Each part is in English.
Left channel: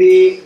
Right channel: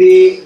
The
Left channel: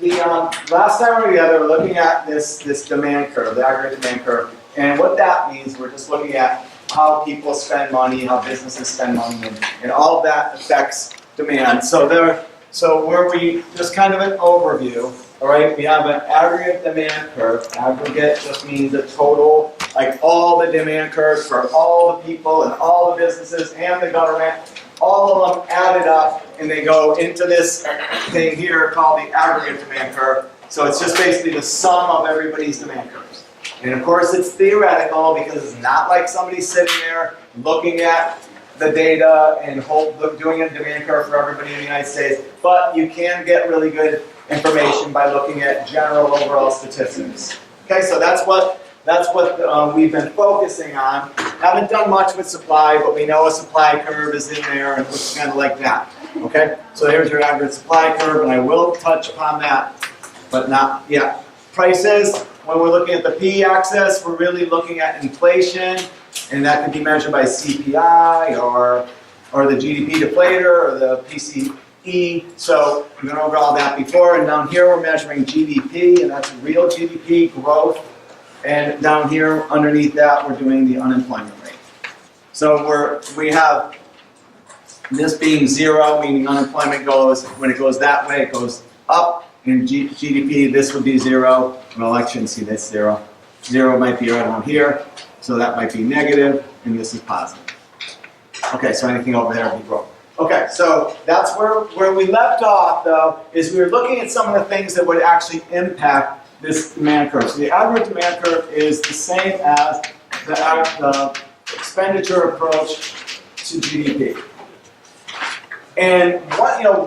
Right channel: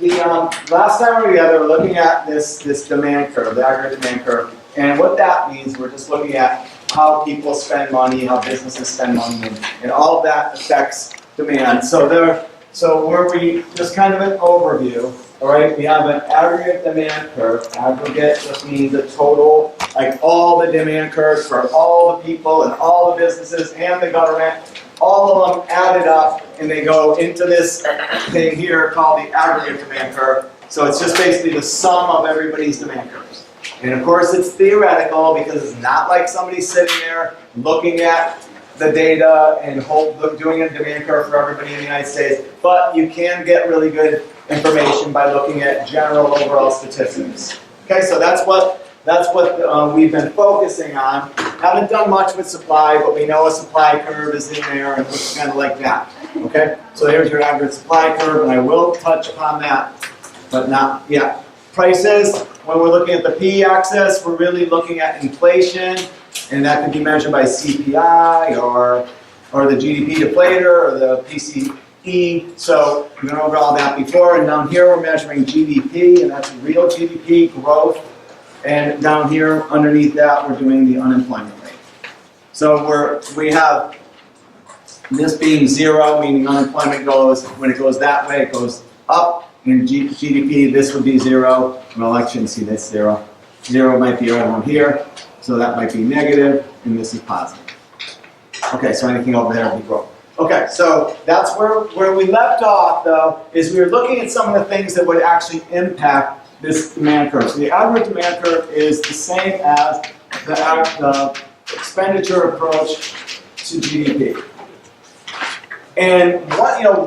last time we were together, we're looking at this demand curve, the aggregate demand curve, and what that means, we're just looking at how people spend money, how businesses spend money, and all of that affects demand. So where we just kind of an overview. All right, we have an aggregate demand curve. Aggregate just means the total, like all the demand curves for all the people and all the businesses and the government. All of them added up, and they go into this thing here called the aggregate demand curve. So it's just basically the sum of everybody's demand curves. And of course, it's theoretical because it's not like somebody sitting there looking at the data and doing a demand curve for everybody in the United States. But you can get really good information by looking at general overall statistics. Okay, so that's what we've been focusing on. Haven't done much with supply, but we know a supply curve is in there and it looks kind of like that. Okay, so there's your average supply curve, and I will touch upon that, but not yet. Prices, when we're looking at the p-axis, we're really looking at inflation, and that can be measured by CPI or the GDP deflator or the PCE. So we went over all that before, and down here we're measuring GDP, and that's real GDP growth. And down here, underneath that, we're doing the unemployment rate. So we have this being zero, meaning unemployment goes, when it goes that way, it goes up. In GDP, this would be zero. Well, I shouldn't see this zero. Zero might be right on here. So that might be negative, and this is positive. Okay, so anything over there will be growth. Okay, so that's where we left off, though, is we were looking at some of the things that would actually impact this demand curve. So the average demand curve is the same as the expenditure approach to GDP. And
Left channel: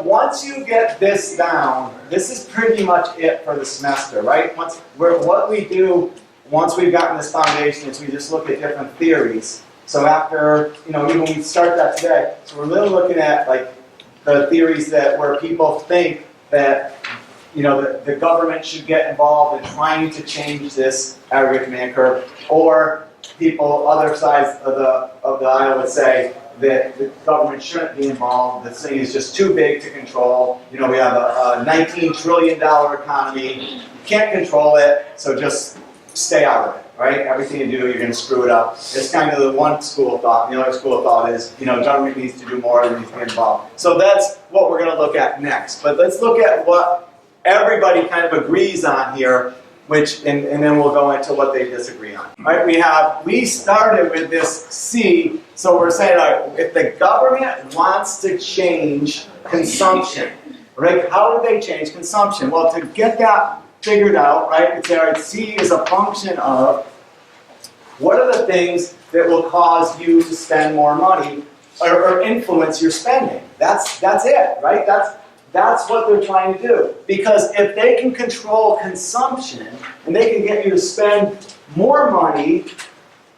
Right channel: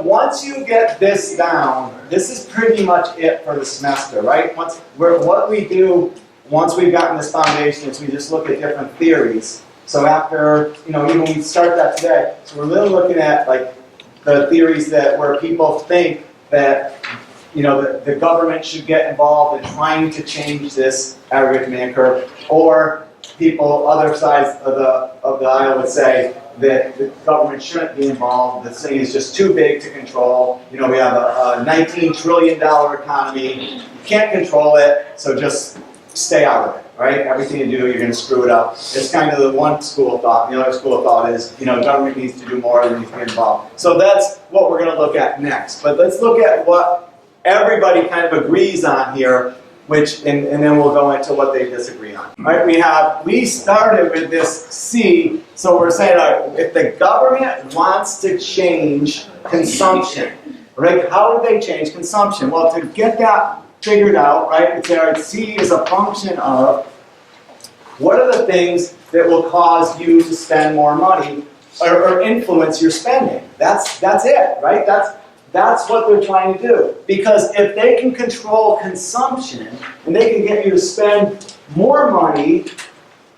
once you get this down, this is pretty much it for the semester, right? What we do once we've gotten this foundation is we just look at different theories. So after, even we start that today, so we're really looking at like the theories where people think that the government should get involved in trying to change this aggregate demand curve, or other sides of the aisle would say that the government shouldn't be involved. The thing is just too big to control. We have a $19 trillion economy. You can't control it, so just stay out of it, right? Everything you do, you're going to screw it up. It's kind of the one school of thought. The other school of thought is, government needs to do more than needs to get involved. So that's what we're going to look at next. But let's look at what everybody kind of agrees on here, and then we'll go into what they disagree on. All right, we started with this C, so we're saying, all right, if the government wants to change consumption, right, how do they change consumption? Well, to get that figured out, right, it's all right, C is a function of what are the things that will cause you to spend more money or influence your spending. That's it, right? That's what they're trying to do. Because if they can control consumption and they can get you to spend more money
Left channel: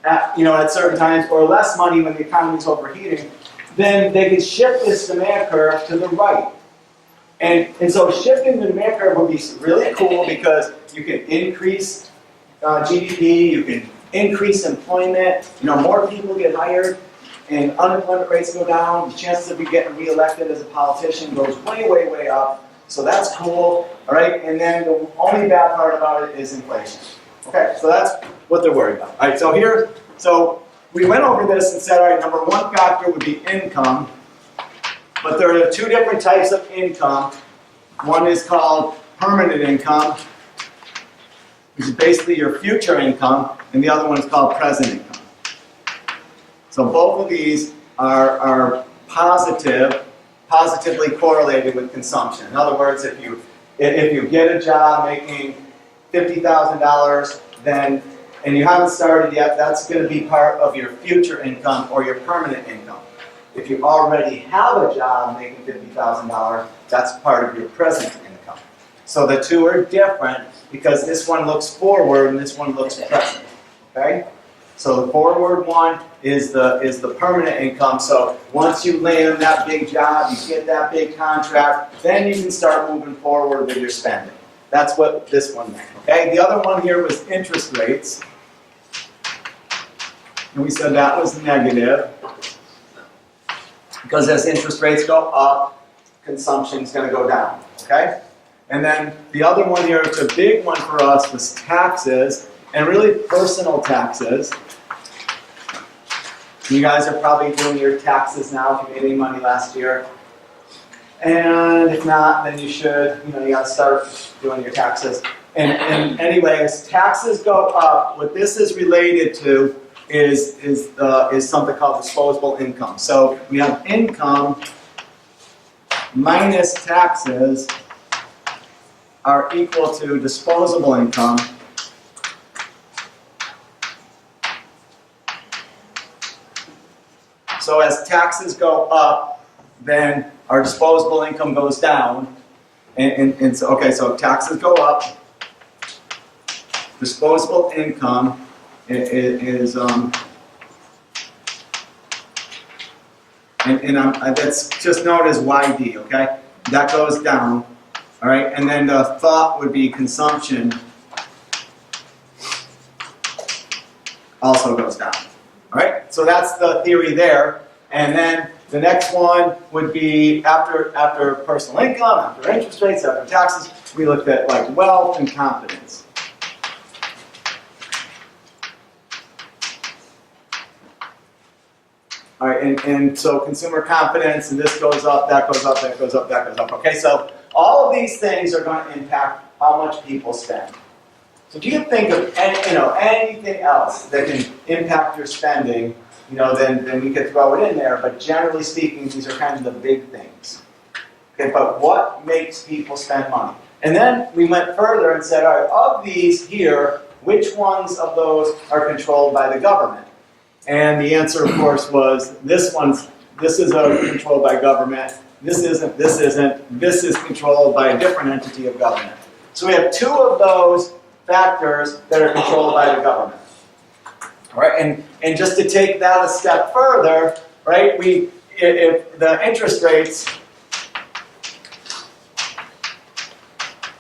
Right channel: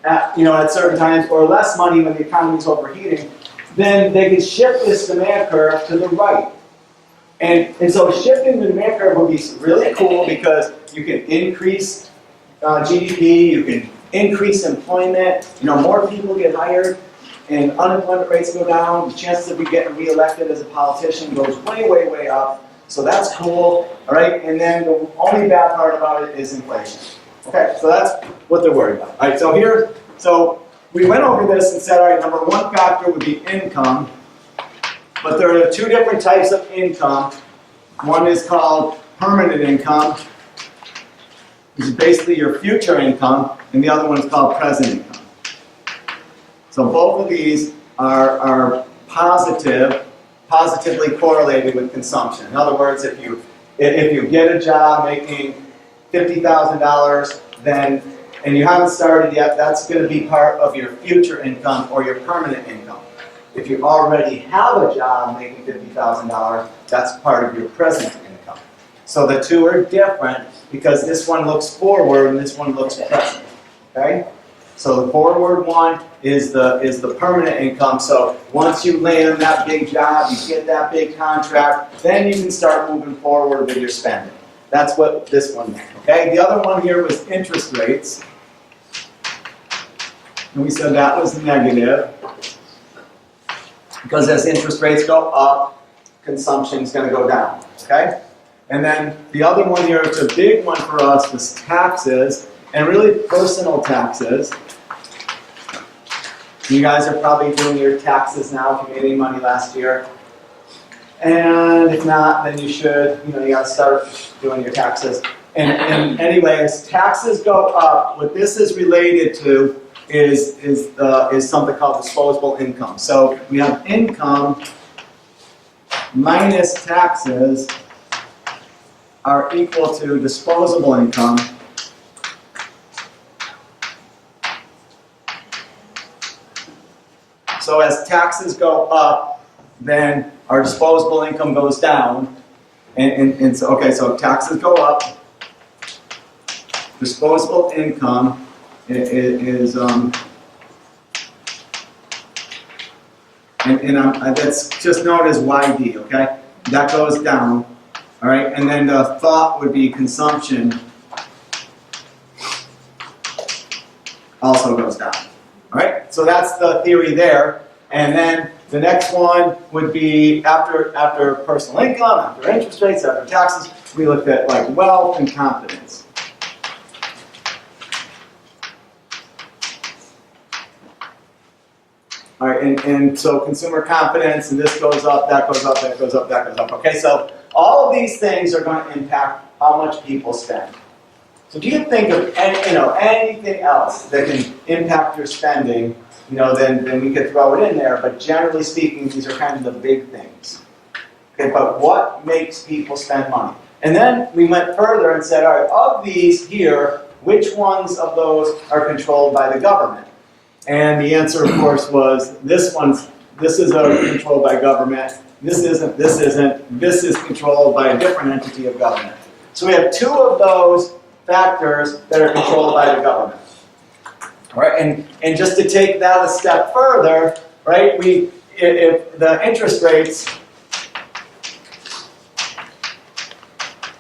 at certain times or less money when the economy's overheating, then they can shift this demand curve to the right. And so shifting the demand curve would be really cool because you can increase GDP, you can increase employment, more people get hired, and unemployment rates go down, the chances of you getting reelected as a politician goes way, way, way up. So that's cool, all right? And then the only bad part about it is inflation. Okay, so that's what they're worried about. All right, so we went over this and said, all right, number one factor would be income, but there are two different types of income. One is called permanent income, which is basically your future income, and the other one is called present income. So both of these are positively correlated with consumption. In other words, if you get a job making $50,000, and you haven't started yet, that's going to be part of your future income or your permanent income. If you already have a job making $50,000, that's part of your present income. So the two are different because this one looks forward and this one looks present. Okay? So the forward one is the permanent income. So once you land that big job, you get that big contract, then you can start moving forward with your spending. That's what this one meant. Okay? The other one here was interest rates. And we said that was negative. Because as interest rates go up, consumption is going to go down. Okay? And then the other one here, it's a big one for us, was taxes, and really personal taxes. You guys are probably doing your taxes now if you made any money last year. And if not, then you should, you gotta start doing your taxes. And anyway, as taxes go up, what this is related to is something called disposable income. So we have income minus taxes are equal to disposable income. So as taxes go up, then our disposable income goes down. And so, okay, so taxes go up. Disposable income is that's just known as YD, okay? That goes down, all right? And then the thought would be consumption also goes down, all right? So that's the theory there. And then the next one would be after personal income, after interest rates, after taxes, we looked at like wealth and confidence. All right, and so consumer confidence, and this goes up, that goes up, that goes up, that goes up. Okay, so all of these things are going to impact how much people spend. So do you think of anything else that can impact your spending? Then we could throw it in there. But generally speaking, these are kind of the big things. Okay, but what makes people spend money? And then we went further and said, all right, of these here, which ones of those are controlled by the government? And the answer, of course, was this is controlled by government, this isn't, this is controlled by a different entity of government. So we have two of those factors that are controlled by the government. All right, and just to take that a step further, right, if the interest rates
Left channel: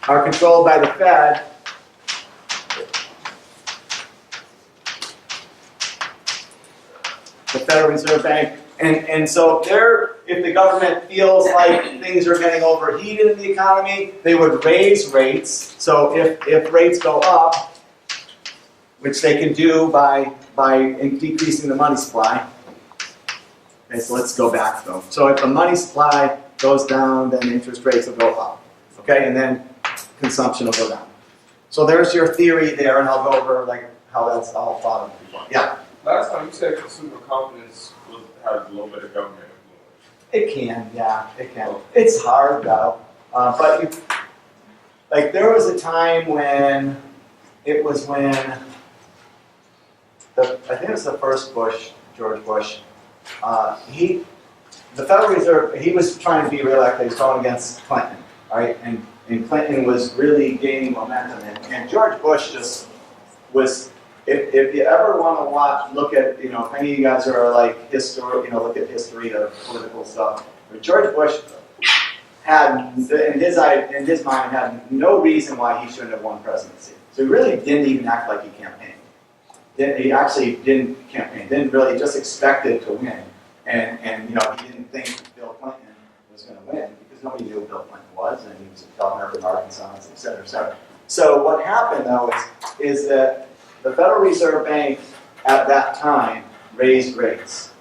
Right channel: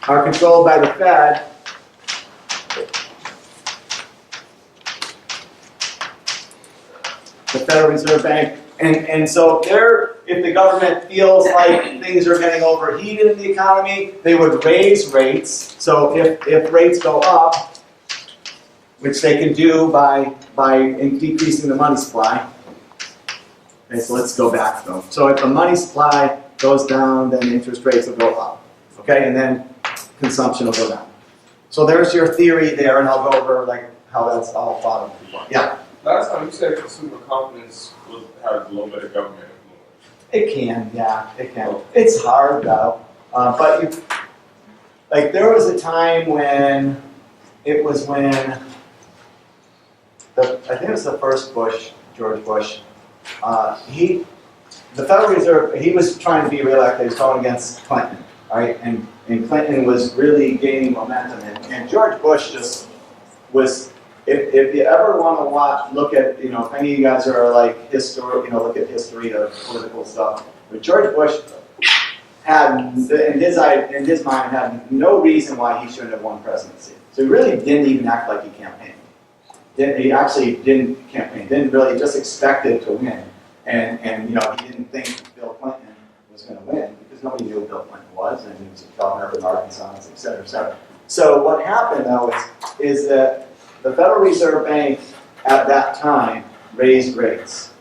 are controlled by the Fed, the Federal Reserve Bank, and so if the government feels like things are getting overheated in the economy, they would raise rates. So if rates go up, which they can do by decreasing the money supply. Okay, so let's go back though. So if the money supply goes down, then interest rates will go up. Okay, and then consumption will go down. So there's your theory there, and I'll go over like how that's all thought of before. Yeah. Last time you said consumer confidence has a little bit of government influence. It can, yeah, it can. It's hard though, but there was a time when I think it was the first Bush, George Bush. The Federal Reserve, he was trying to be reelected. He was going against Clinton, right? And Clinton was really gaining momentum, and George Bush just was. If you ever want to look at, if any of you guys are like look at history of political stuff, but George Bush had, in his mind, had no reason why he shouldn't have won presidency. So he really didn't even act like he campaigned. He actually didn't campaign, didn't really, just expected to win. And he didn't think Bill Clinton was going to win because nobody knew who Bill Clinton was, and he was a governor of Arkansas, et cetera, et cetera. So what happened though is that the Federal Reserve Bank at that time raised rates.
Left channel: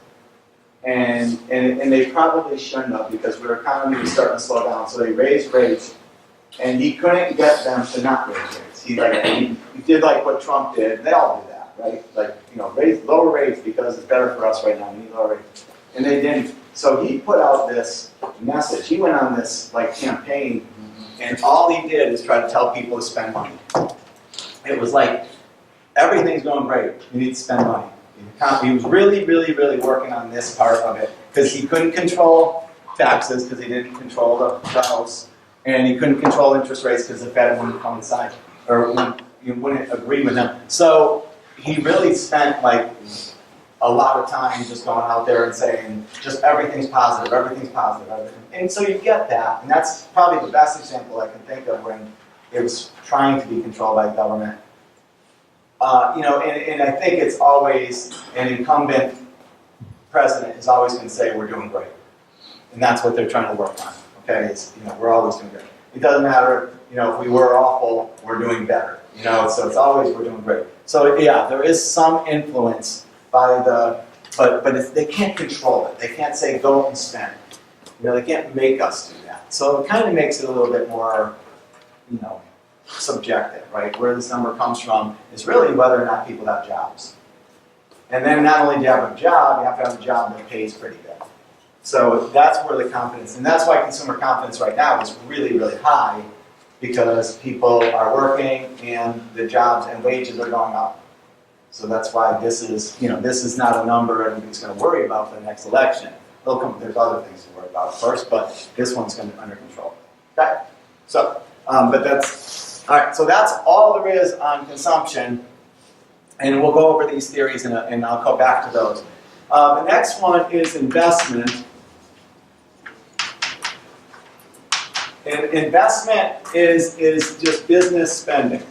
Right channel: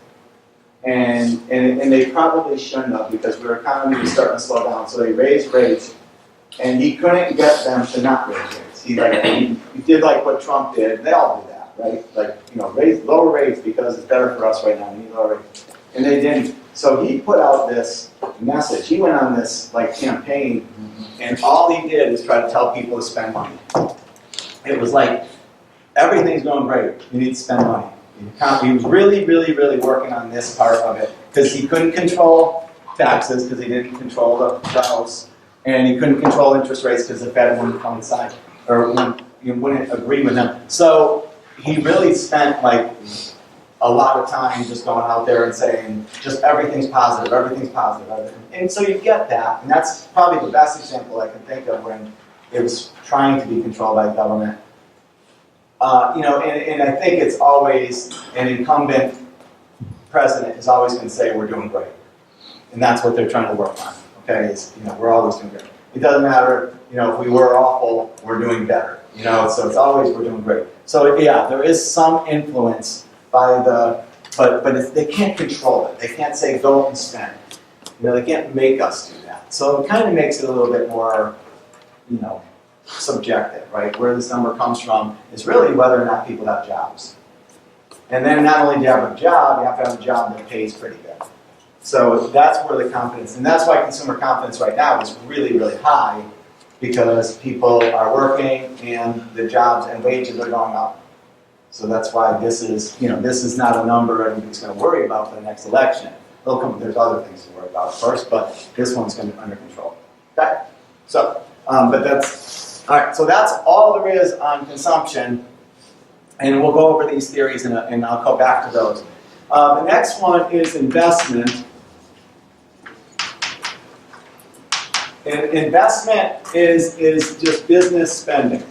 And they probably shouldn't have because our economy was starting to slow down. So they raised rates, and he couldn't get them to not raise rates. He did like what Trump did. They all do that, right? Lower rates because it's better for us right now. We need lower rates. And they didn't. So he put out this message. He went on this campaign, and all he did is try to tell people to spend money. It was like, everything's going great. You need to spend money. He was really, really, really working on this part of it because he couldn't control taxes because he didn't control the House, and he couldn't control interest rates because the Fed wouldn't come inside or wouldn't agree with him. So he really spent a lot of time just going out there and saying just everything's positive, everything's positive, everything. And so you get that, and that's probably the best example I can think of when it was trying to be controlled by government. And I think it's always an incumbent president is always going to say we're doing great, and that's what they're trying to work on. Okay, we're always doing great. It doesn't matter, if we were awful, we're doing better. So it's always we're doing great. So yeah, there is some influence by but they can't control it. They can't say go and spend. They can't make us do that. So it kind of makes it a little bit more, subjective, right? Where this number comes from is really whether or not people have jobs. And then not only do you have a job, you have to have a job that pays pretty good. So that's where the confidence, and that's why consumer confidence right now is really, really high, because people are working and the jobs and wages are going up. So that's why this is not a number anybody's going to worry about for the next election. There's other things to worry about first, but this one's going to be under control. Okay? So, but that's, all right, so that's all there is on consumption. And we'll go over these theories and I'll go back to those. The next one is investment. And investment is just business spending.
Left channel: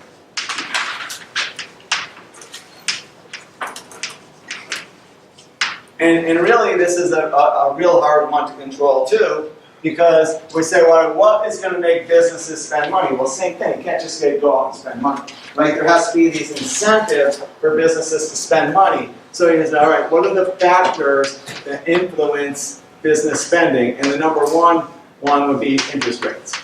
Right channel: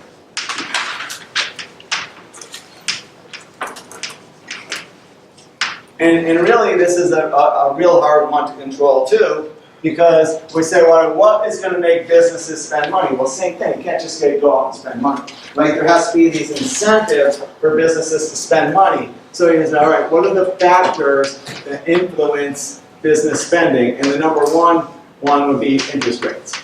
And really, this is a real hard one to control too, because we say, well, what is going to make businesses spend money? Well, same thing. You can't just go out and spend money. Right? There has to be these incentives for businesses to spend money. So you say, all right, what are the factors that influence business spending? And the number one would be interest rates.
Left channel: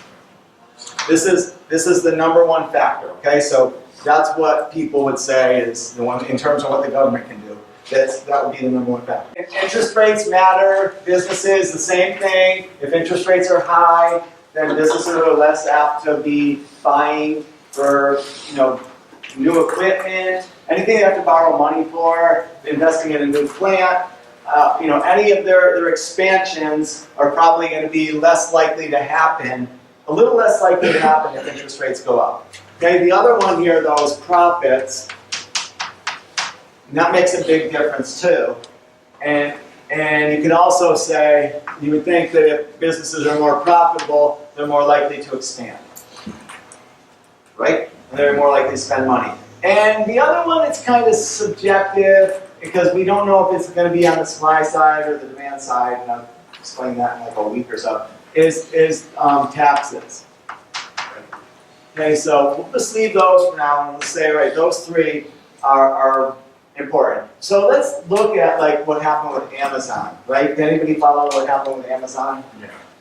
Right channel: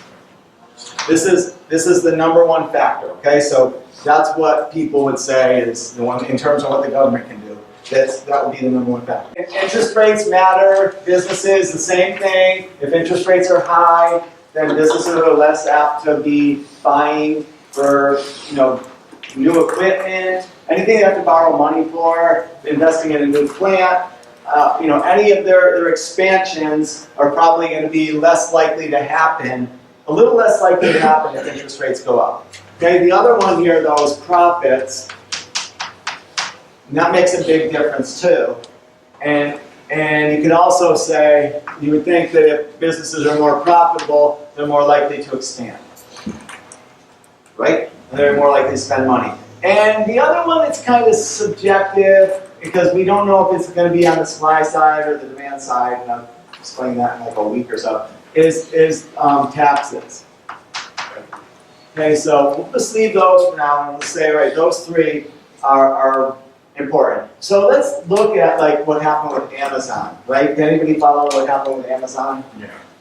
This is the number one factor. Okay, so that's what people would say is the one in terms of what the government can do. That would be the number one factor. If interest rates matter, businesses, the same thing. If interest rates are high, then businesses are less apt to be buying for, new equipment, anything they have to borrow money for, investing in a new plant. Any of their expansions are probably going to be less likely to happen, a little less likely to happen if interest rates go up. Okay, the other one here, though, is profits. And that makes a big difference too. And you can also say, you would think that if businesses are more profitable, they're more likely to expand. Right? And they're more likely to spend money. And the other one, it's kind of subjective because we don't know if it's going to be on the supply side or the demand side, and I'll explain that in like a week or so, is taxes. Okay, so we'll just leave those for now and we'll say, all right, those three are important. So let's look at like what happened with Amazon, right? Did anybody follow what happened with Amazon?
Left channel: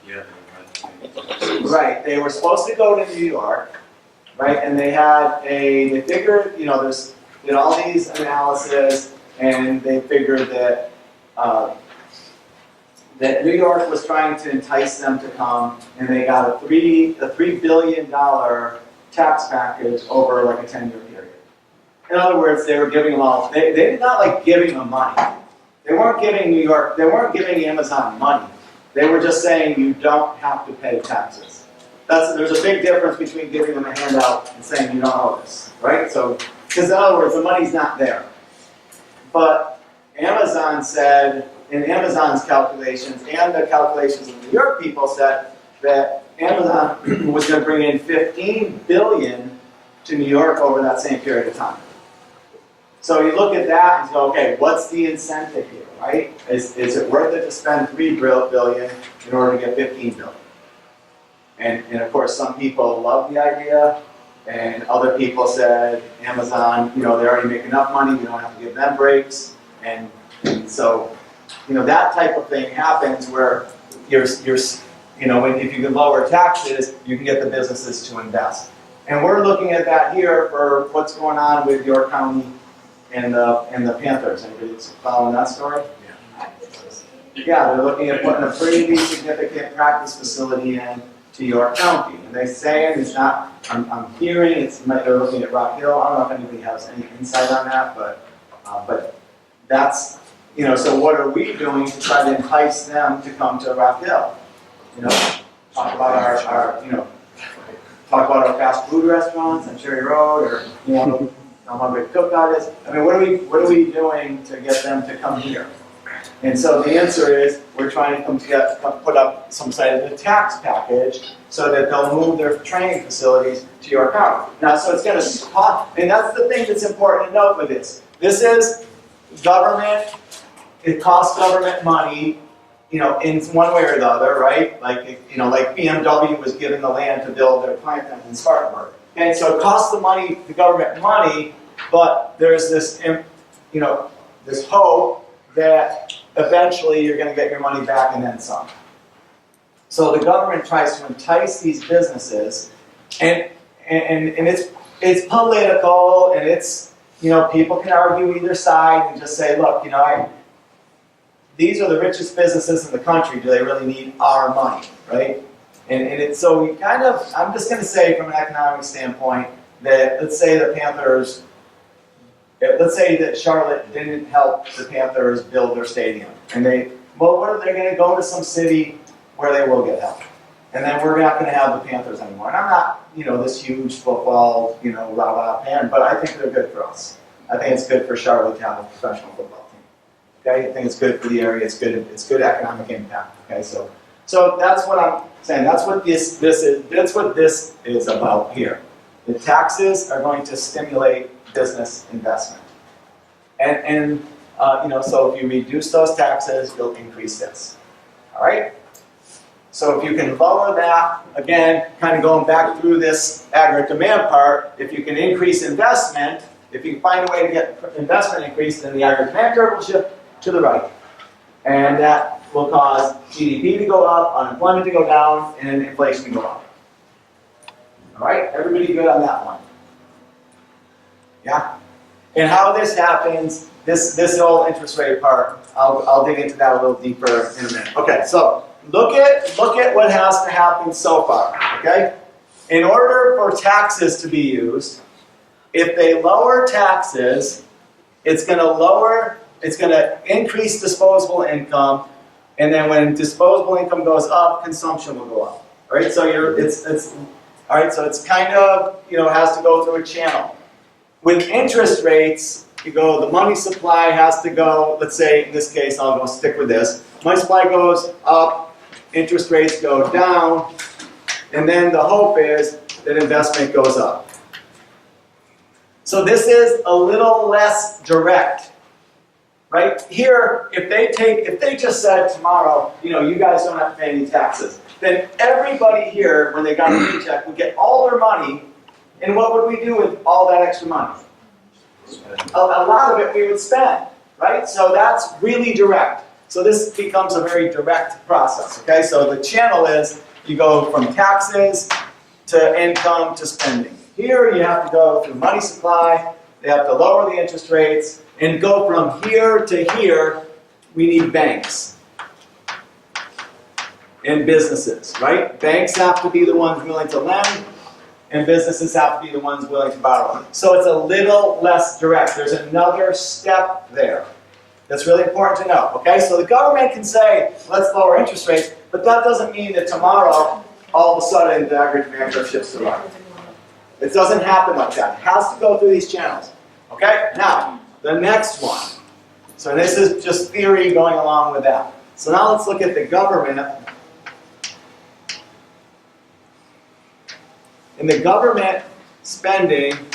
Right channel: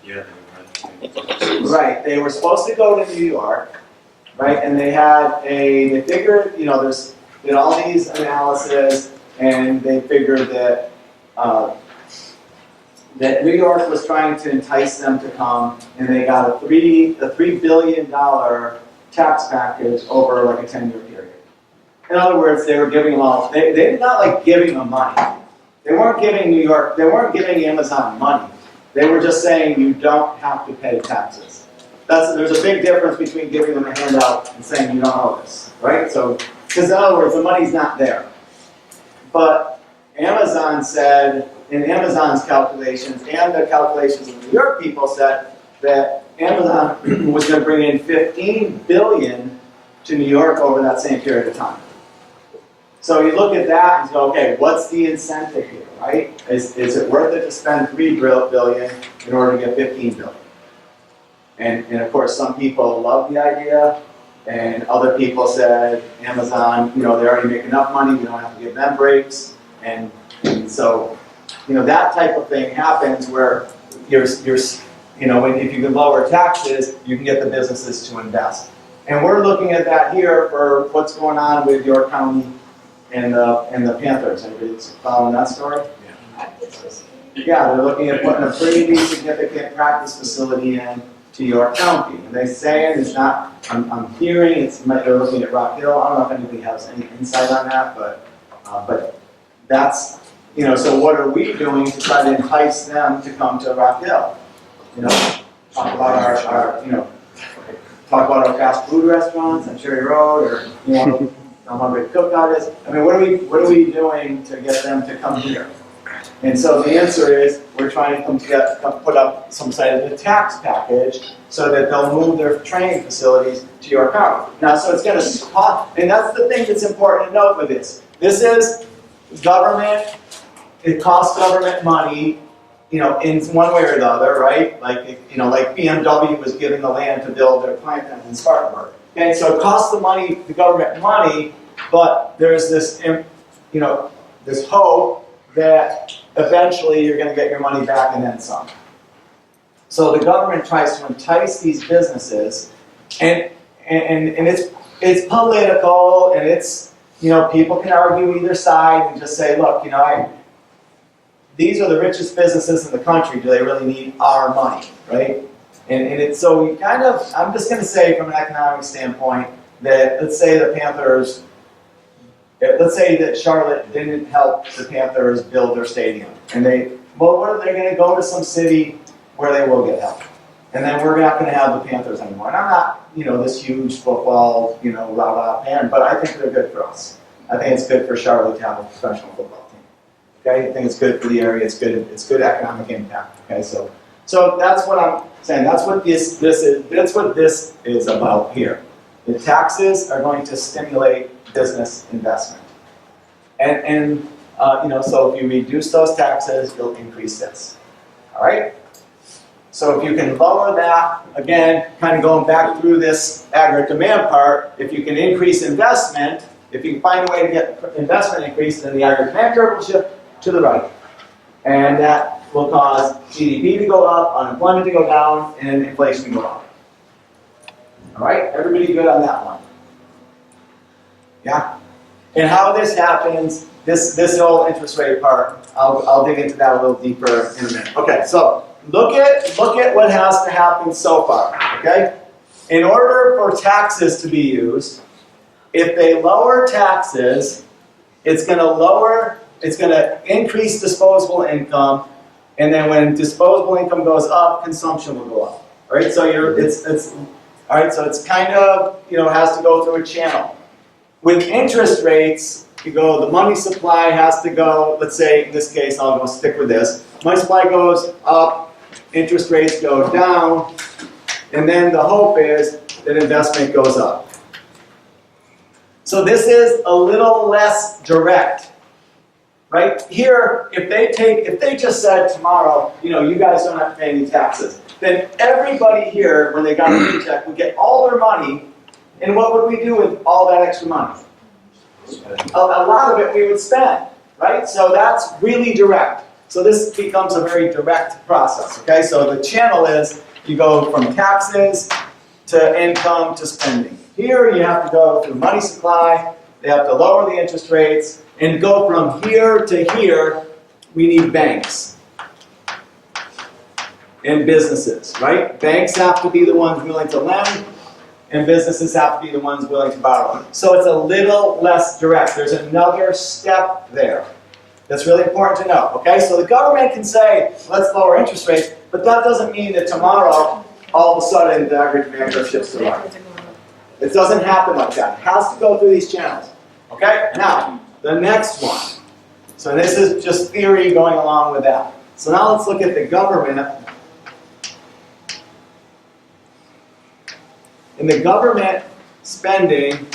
Yeah. Right, they were supposed to go to New York, right? And they figured, did all these analysis, and they figured that that New York was trying to entice them to come, and they got a $3 billion tax package over like a 10-year period. In other words, they were giving them all, they did not like giving them money. They weren't giving New York, they weren't giving Amazon money. They were just saying you don't have to pay taxes. There's a big difference between giving them a handout and saying you don't owe this, right? So, because in other words, the money's not there. But Amazon said, in Amazon's calculations and the calculations of the New York people said that Amazon was going to bring in $15 billion to New York over that same period of time. So you look at that and go, okay, what's the incentive here, right? Is it worth it to spend $3 billion in order to get $15 billion? And of course, some people love the idea, and other people said, Amazon, they already make enough money, we don't have to give them breaks. And so, that type of thing happens where if you can lower taxes, you can get the businesses to invest. And we're looking at that here for what's going on with York County and the Panthers. Anybody following that story? Yeah, they're looking at putting a pretty significant practice facility in to York County. And they're saying it's not, I'm hearing they're looking at Rock Hill. I don't know if anybody has any insight on that, but that's, so what are we doing to try to entice them to come to Rock Hill? Talk about talk about our fast food restaurants on Cherry Road, or how Hungry Cookout is. I mean, what are we doing to get them to come here? And so the answer is we're trying to put up some sort of a tax package so that they'll move their training facilities to York County. Now, so it's going to cost, and that's the thing that's important to note with this. This is government. It costs government money. you know, in one way or the other, right? Like, you know, like BMW was given the land to build their plant in Spartanburg. Okay, so it costs the government money, but there's this, you know, this hope that eventually you're going to get your money back and then some. So the government tries to entice these businesses, and it's political, and it's, you know, people can argue either side and just say, look, you know, these are the richest businesses in the country. Do they really need our money, right? And it's so we kind of, I'm just going to say from an economic standpoint that let's say the Panthers, let's say that Charlotte didn't help the Panthers build their stadium, and well, what are they going to go to some city where they will get help, and then we're not going to have the Panthers anymore. And I'm not, you know, this huge football, you know, rah-rah fan, but I think they're good for us. I think it's good for Charlotte to have a professional football team. Okay, I think it's good for the area. It's good economic impact. Okay, so that's what I'm saying. That's what this is. That's what this is about here. The taxes are going to stimulate business investment, and you know, so if you reduce those taxes, you'll increase this. All right. So if you can lower that, again, kind of going back through this aggregate demand part, if you can increase investment, if you can find a way to get investment increased, then the aggregate demand curve will shift to the right. And that will cause GDP to go up, unemployment to go down, and inflation to go up. All right, everybody good on that one? Yeah? And how this happens, this whole interest rate part, I'll dig into that a little deeper in a minute. Okay, so look at what has to happen so far, okay? In order for taxes to be used, if they lower taxes, it's going to increase disposable income, and then when disposable income goes up, consumption will go up. All right, so all right, so it's kind of, you know, has to go through a channel. With interest rates, the money supply has to go, let's say in this case, I'll go stick with this. Money supply goes up, interest rates go down, and then the hope is that investment goes up. So this is a little less direct, right? Here, if they just said tomorrow, you know, you guys don't have to pay any taxes, then everybody here, when they got a paycheck, would get all their money, and what would we do with all that extra money? A lot of it we would spend, right? So that's really direct. So this becomes a very direct process, okay? So the channel is you go from taxes to income to spending. Here you have to go through money supply, they have to lower the interest rates, and go from here to here, we need banks and businesses, right? Banks have to be the ones willing to lend, and businesses have to be the ones willing to borrow. So it's a little less direct. There's another step there that's really important to know, okay? So the government can say, let's lower interest rates, but that doesn't mean that tomorrow, all of a sudden, the aggregate demand curve shifts to the right. It doesn't happen like that. It has to go through these channels, okay? Now, the next one. So this is just theory going along with that. So now let's look at the government. And the government spending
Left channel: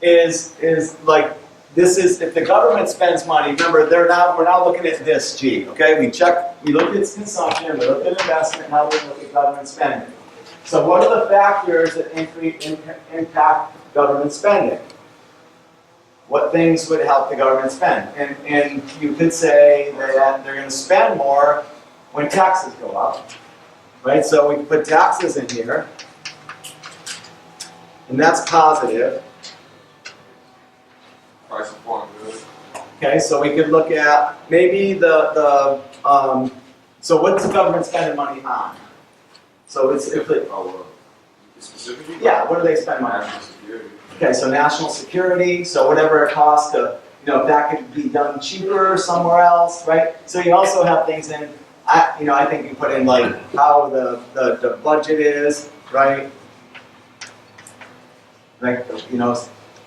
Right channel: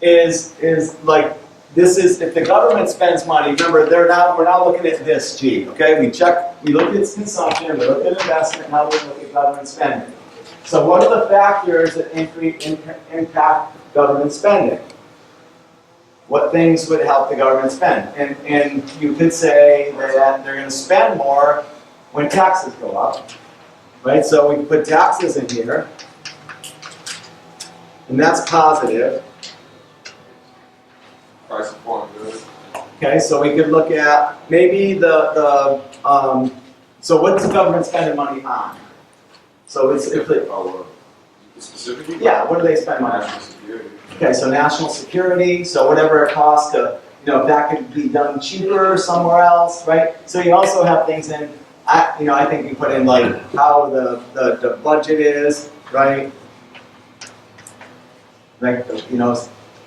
is like, this is, if the government spends money, remember, we're not looking at this G, okay? We look at consumption, we look at investment, now we look at government spending. So what are the factors that impact government spending? What things would help the government spend? And you could say that they're going to spend more when taxes go up, right? So we can put taxes in here, and that's positive. Price of foreign goods. Okay, so we could look at maybe so what's the government spending money on? So Specifically? Yeah, what do they spend money on? National security. Okay, so national security, so whatever it costs to, you know, if that could be done cheaper somewhere else, right? So you also have things in, I think you put in like how the budget is, right? Like, you know,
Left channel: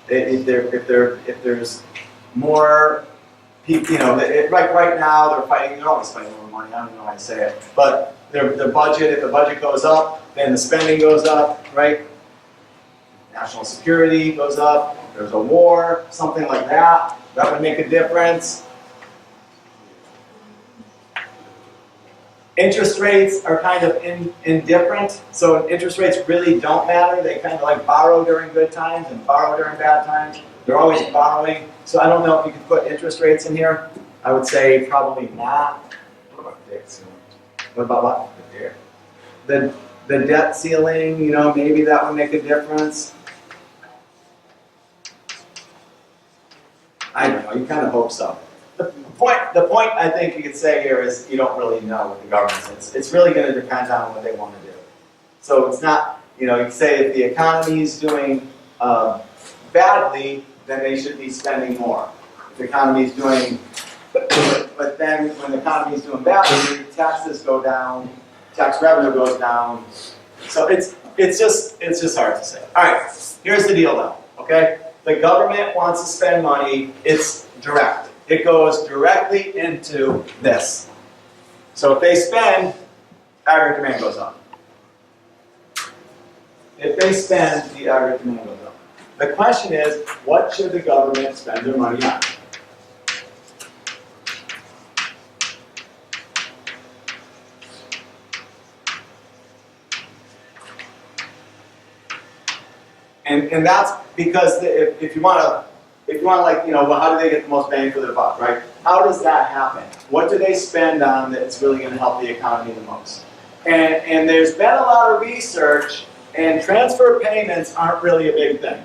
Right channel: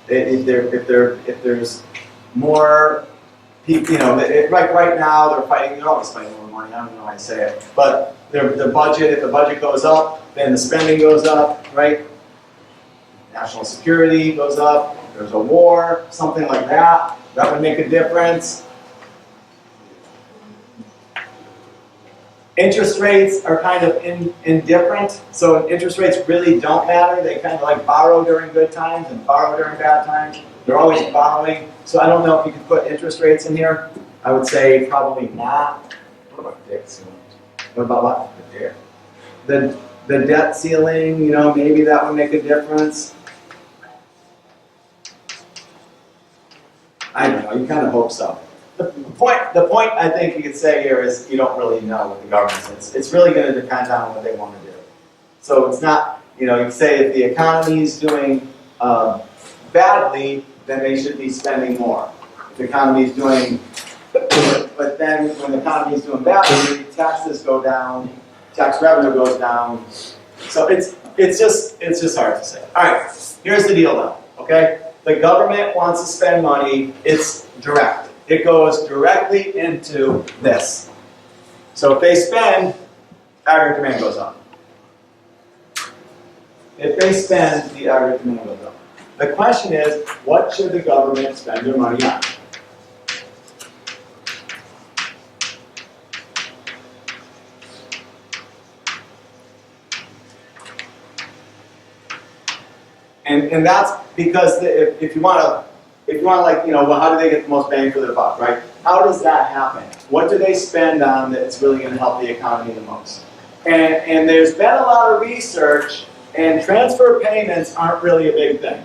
if there's more people, you know, right now they're always fighting over money, I don't know how to say it, but if the budget goes up, then the spending goes up, right? National security goes up, there's a war, something like that, that would make a difference. Interest rates are kind of indifferent, so interest rates really don't matter. They kind of like borrow during good times and borrow during bad times. They're always borrowing, so I don't know if you could put interest rates in here. I would say probably not. What about debt ceiling? What about what? The debt ceiling, you know, maybe that would make a difference. I don't know, you kind of hope so. The point I think you could say here is you don't really know what the government says. It's really going to depend on what they want to do. So it's not, you know, you can say if the economy is doing badly, then they should be spending more. If the economy is doing, but then when the economy is doing badly, taxes go down, tax revenue goes down. So it's just hard to say. All right, here's the deal though, okay? The government wants to spend money, it's direct. It goes directly into this. So if they spend, aggregate demand goes up. If they spend, the aggregate demand goes up. The question is, what should the government spend their money on? And that's because if you want to like, you know, well, how do they get the most bang for their buck, right? How does that happen? What do they spend on that's really going to help the economy the most? And there's been a lot of research, and transfer payments aren't really a big thing.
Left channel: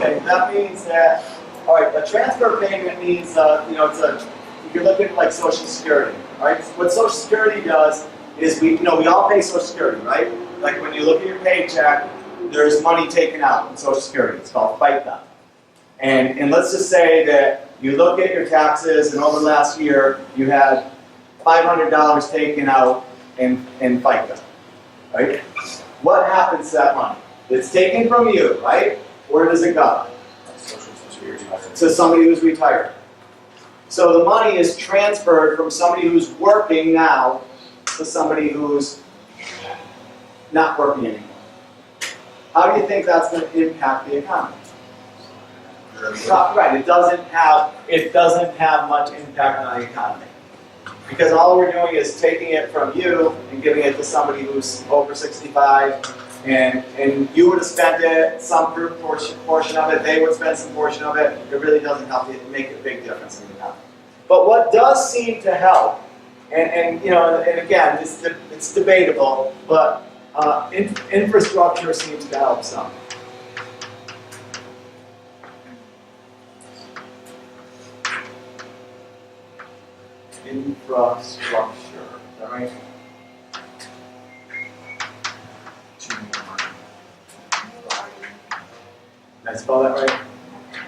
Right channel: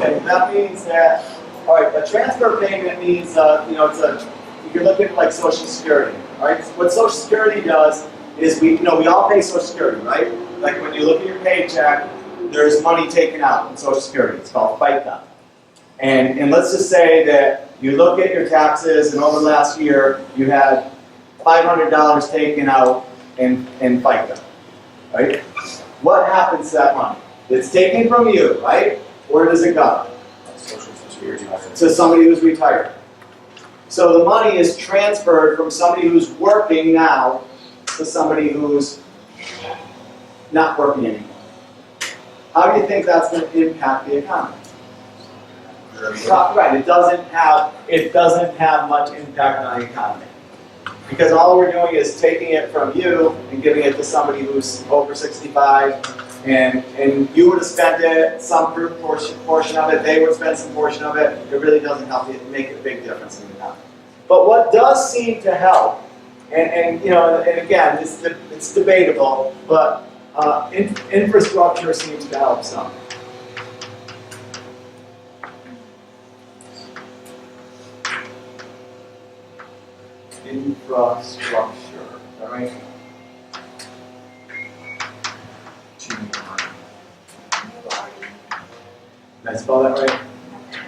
Okay, that means that, all right, a transfer payment means, you know, you can look at like Social Security, right? What Social Security does is we all pay Social Security, right? Like when you look at your paycheck, there's money taken out in Social Security. It's called FICA. And let's just say that you look at your taxes, and over the last year, you had $500 taken out in FICA, right? What happens to that money? It's taken from you, right? Where does it go? Social Security. To somebody who's retired. So the money is transferred from somebody who's working now to somebody who's not working anymore. How do you think that's going to impact the economy? Right, it doesn't have much impact on the economy. Because all we're doing is taking it from you and giving it to somebody who's over 65, and you would have spent it, some portion of it, they would spend some portion of it. It really doesn't help you make a big difference in the economy. But what does seem to help, and you know, and again, it's debatable, but infrastructure seems to help some. Infrastructure, is that right? Did I spell that right?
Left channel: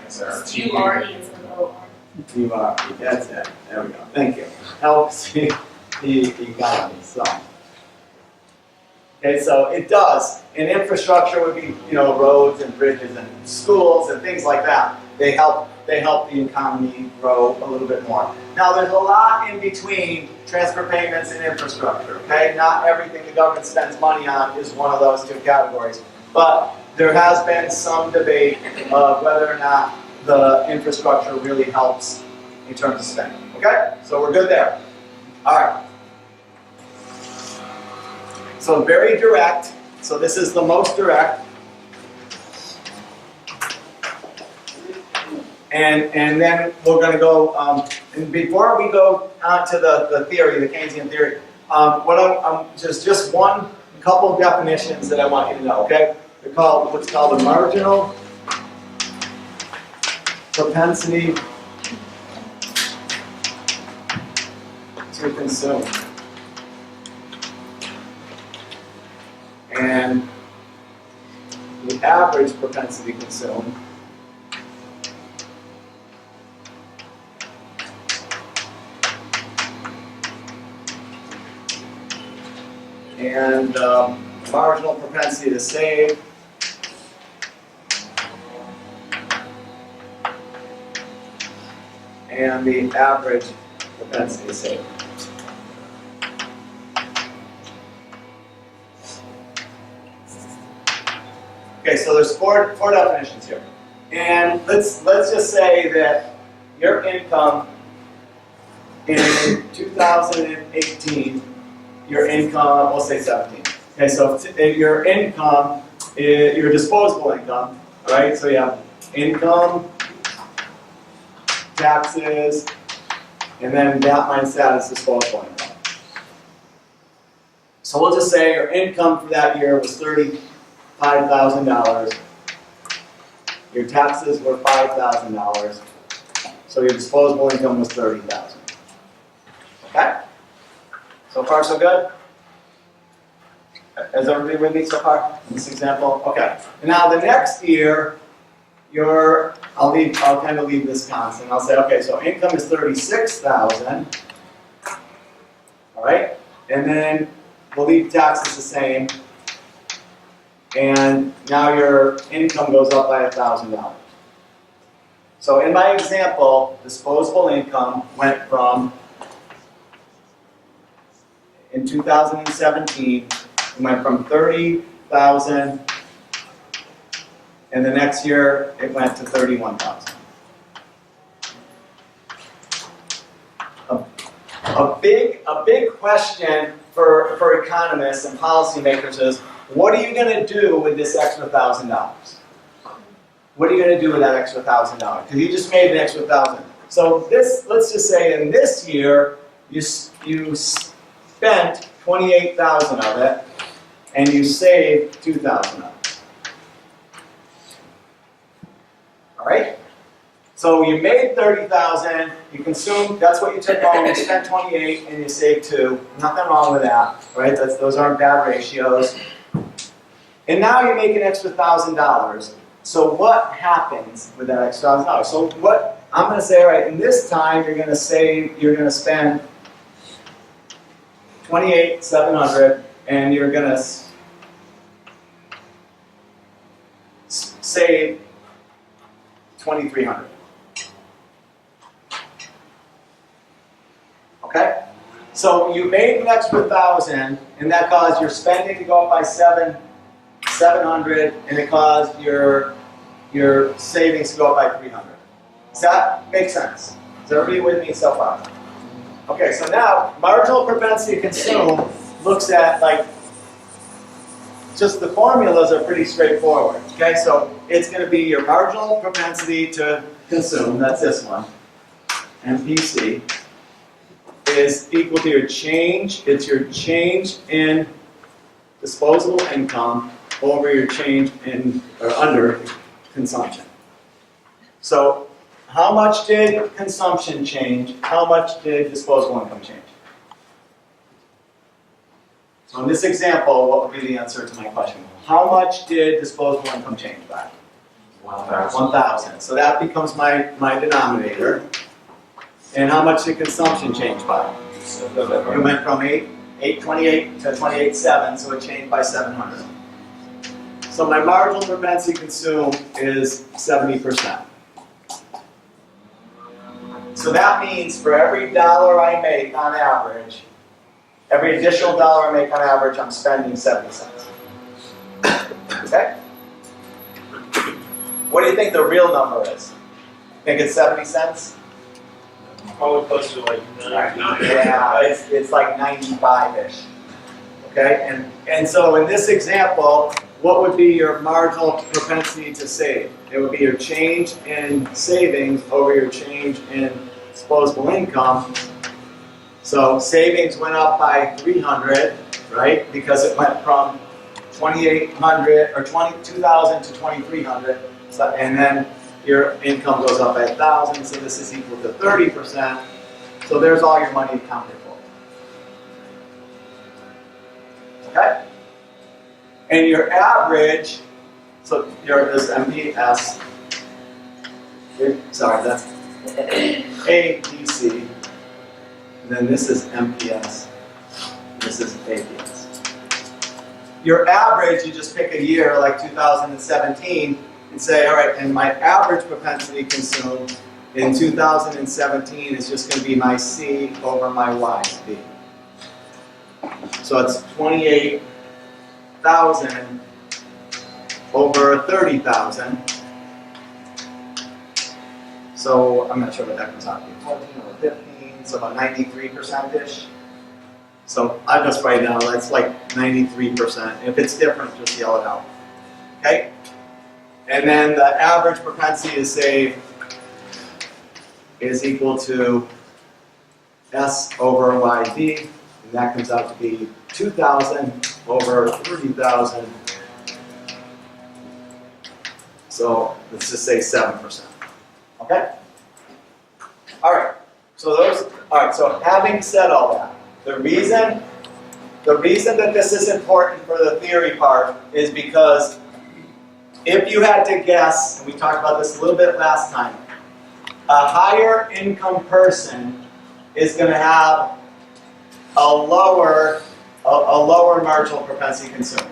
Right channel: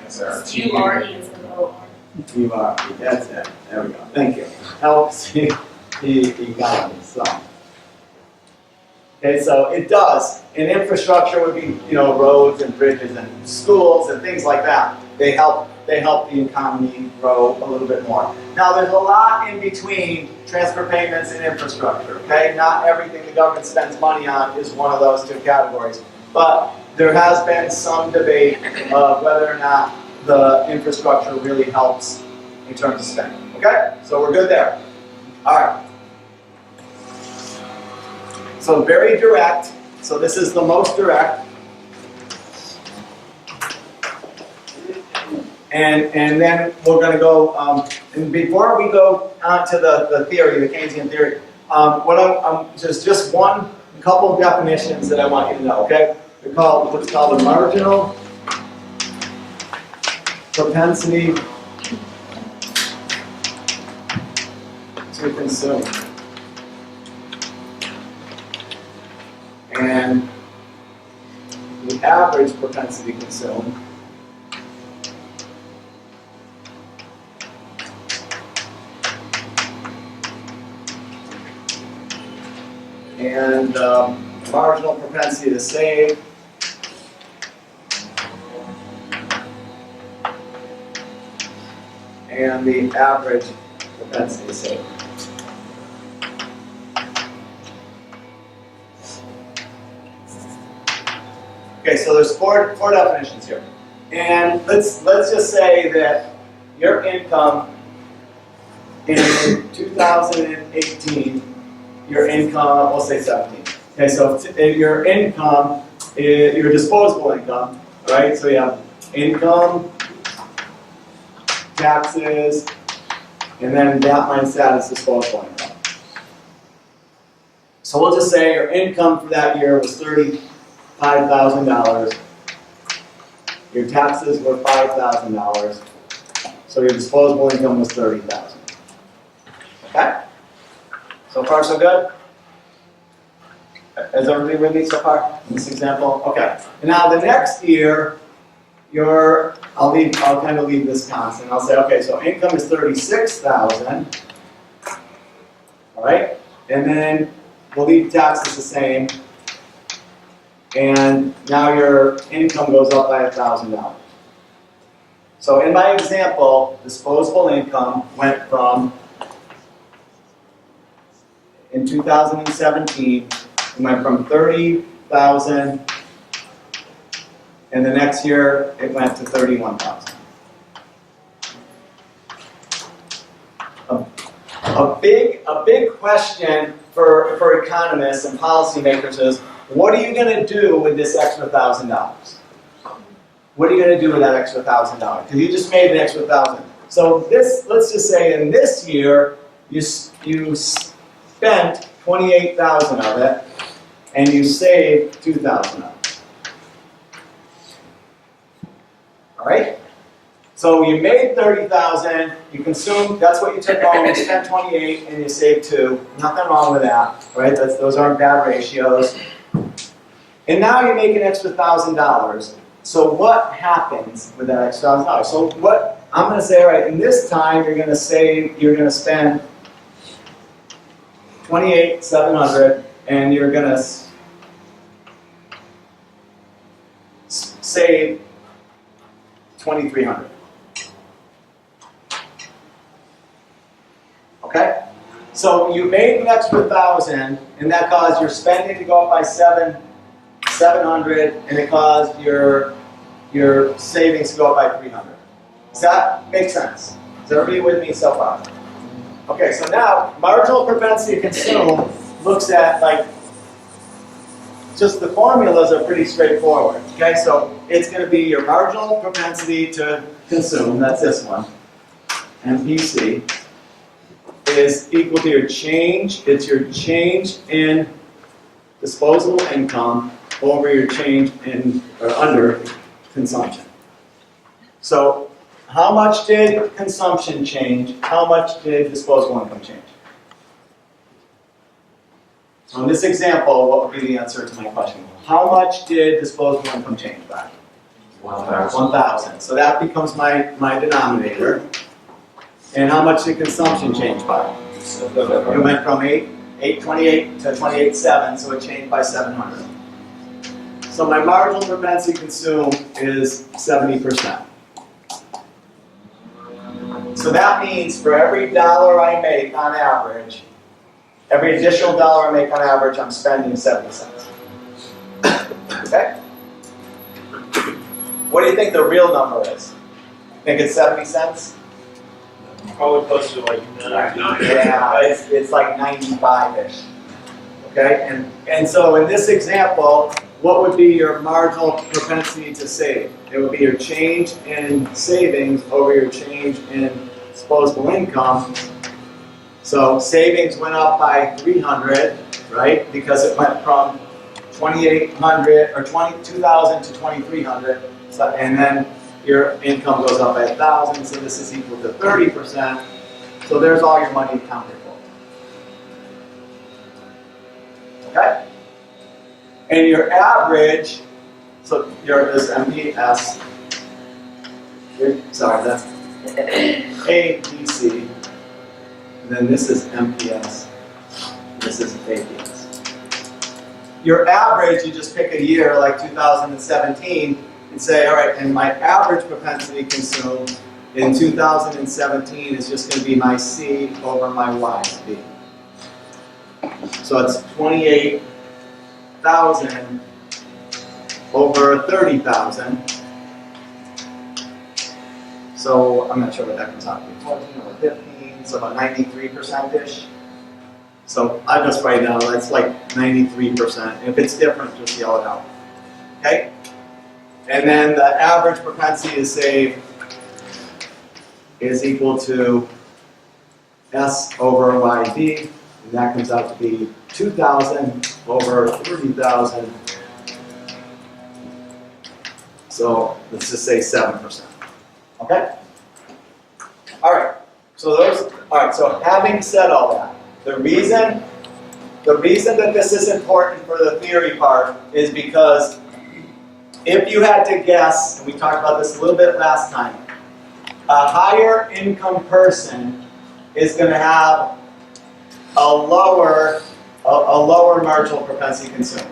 Yes, sir. U-R-E is an O-R. You are, that's it. There we go. Thank you. Helps the economy. So, okay, so it does. And infrastructure would be, you know, roads and bridges and schools and things like that. They help the economy grow a little bit more. Now, there's a lot in between transfer payments and infrastructure. Okay, not everything the government spends money on is one of those two categories, but there has been some debate of whether or not the infrastructure really helps in terms of spending. Okay? So we're good there. All right. So very direct. So this is the most direct. And then we're going to go, and before we go on to the theory, the Keynesian theory, just one couple definitions that I want you to know, okay? They're called what's called a marginal propensity to consume. And the average propensity to consume. And marginal propensity to save. And the average propensity to save. Okay, so there's four definitions here. And let's just say that your income in 2018, your income, we'll say 17. Okay, so your income, your disposable income, right? So you have income, taxes, and then that minus that is disposable income. So we'll just say your income for that year was $35,000. Your taxes were $5,000. So your disposable income was $30,000. Okay? So far, so good? Is everybody with me so far in this example? Okay. And now the next year, I'll kind of leave this constant. I'll say, okay, so income is $36,000. All right? And then we'll leave taxes the same. And now your income goes up by $1,000. So in my example, disposable income went from, in 2017, it went from 30,000, and the next year it went to 31,000. A big question for economists and policymakers is, what are you going to do with this extra $1,000? What are you going to do with that extra $1,000? Because you just made an extra $1,000. So this, let's just say in this year, you spent 28,000 of it, and you saved 2,000 of it. All right? So you made 30,000, you consumed, that's what you took home, you spent 28, and you saved 2. Nothing wrong with that, right? Those aren't bad ratios. And now you make an extra $1,000. So what happens with that extra $1,000? So what I'm going to say, right, in this time you're going to spend 28,700, and you're going to save 2,300. Okay? So you made an extra 1,000, and that caused your spending to go up by 700, and it caused your savings to go up by 300. Does that make sense? Is everybody with me so far? Okay, so now marginal propensity to consume looks at, like, just the formulas are pretty straightforward. Okay, so it's going to be your marginal propensity to consume, that's this one, MPC, is equal to your change, it's your change in disposable income over your change in, or under, consumption. So how much did consumption change? How much did disposable income change? So in this example, what would be the answer to my question? How much did disposable income change by? 1,000. So that becomes my denominator. And how much did consumption change by? It went from 828 to 28.7, so it changed by 700. So my marginal propensity to consume is 70%. So that means for every dollar I make on average, every additional dollar I make on average, I'm spending 70 cents. Okay? What do you think the real number is? Think it's 70 cents? Probably close to like 99. Yeah, it's like 95-ish. Okay? And so in this example, what would be your marginal propensity to save? It would be your change in savings over your change in disposable income. So savings went up by 300, right? Because it went from 2,800 or 22,000 to 2,300. So, and then your income goes up by 1,000, so this is equal to 30%. So there's all your money accounted for. Okay? And your average, so this MPS, sorry, that's APC, and then this is MPS, this is APS. Your average, you just pick a year like 2017 and say, all right, and my average propensity consumed in 2017 is just going to be my C over my Y, B. So it's 28,000 over 30,000. So I'm not sure what that comes out to be, 14 or 15, so about 93%-ish. So I just write down, that's like 93%. If it's different, just yell it out. Okay? And then the average propensity to save is equal to S over YD, and that comes out to be 2,000 over 30,000. So let's just say 7%. Okay? All right. So having said all that, the reason that this is important for the theory part is because if you had to guess, and we talked about this a little bit last time, a higher income person is going to have a lower marginal propensity to consume.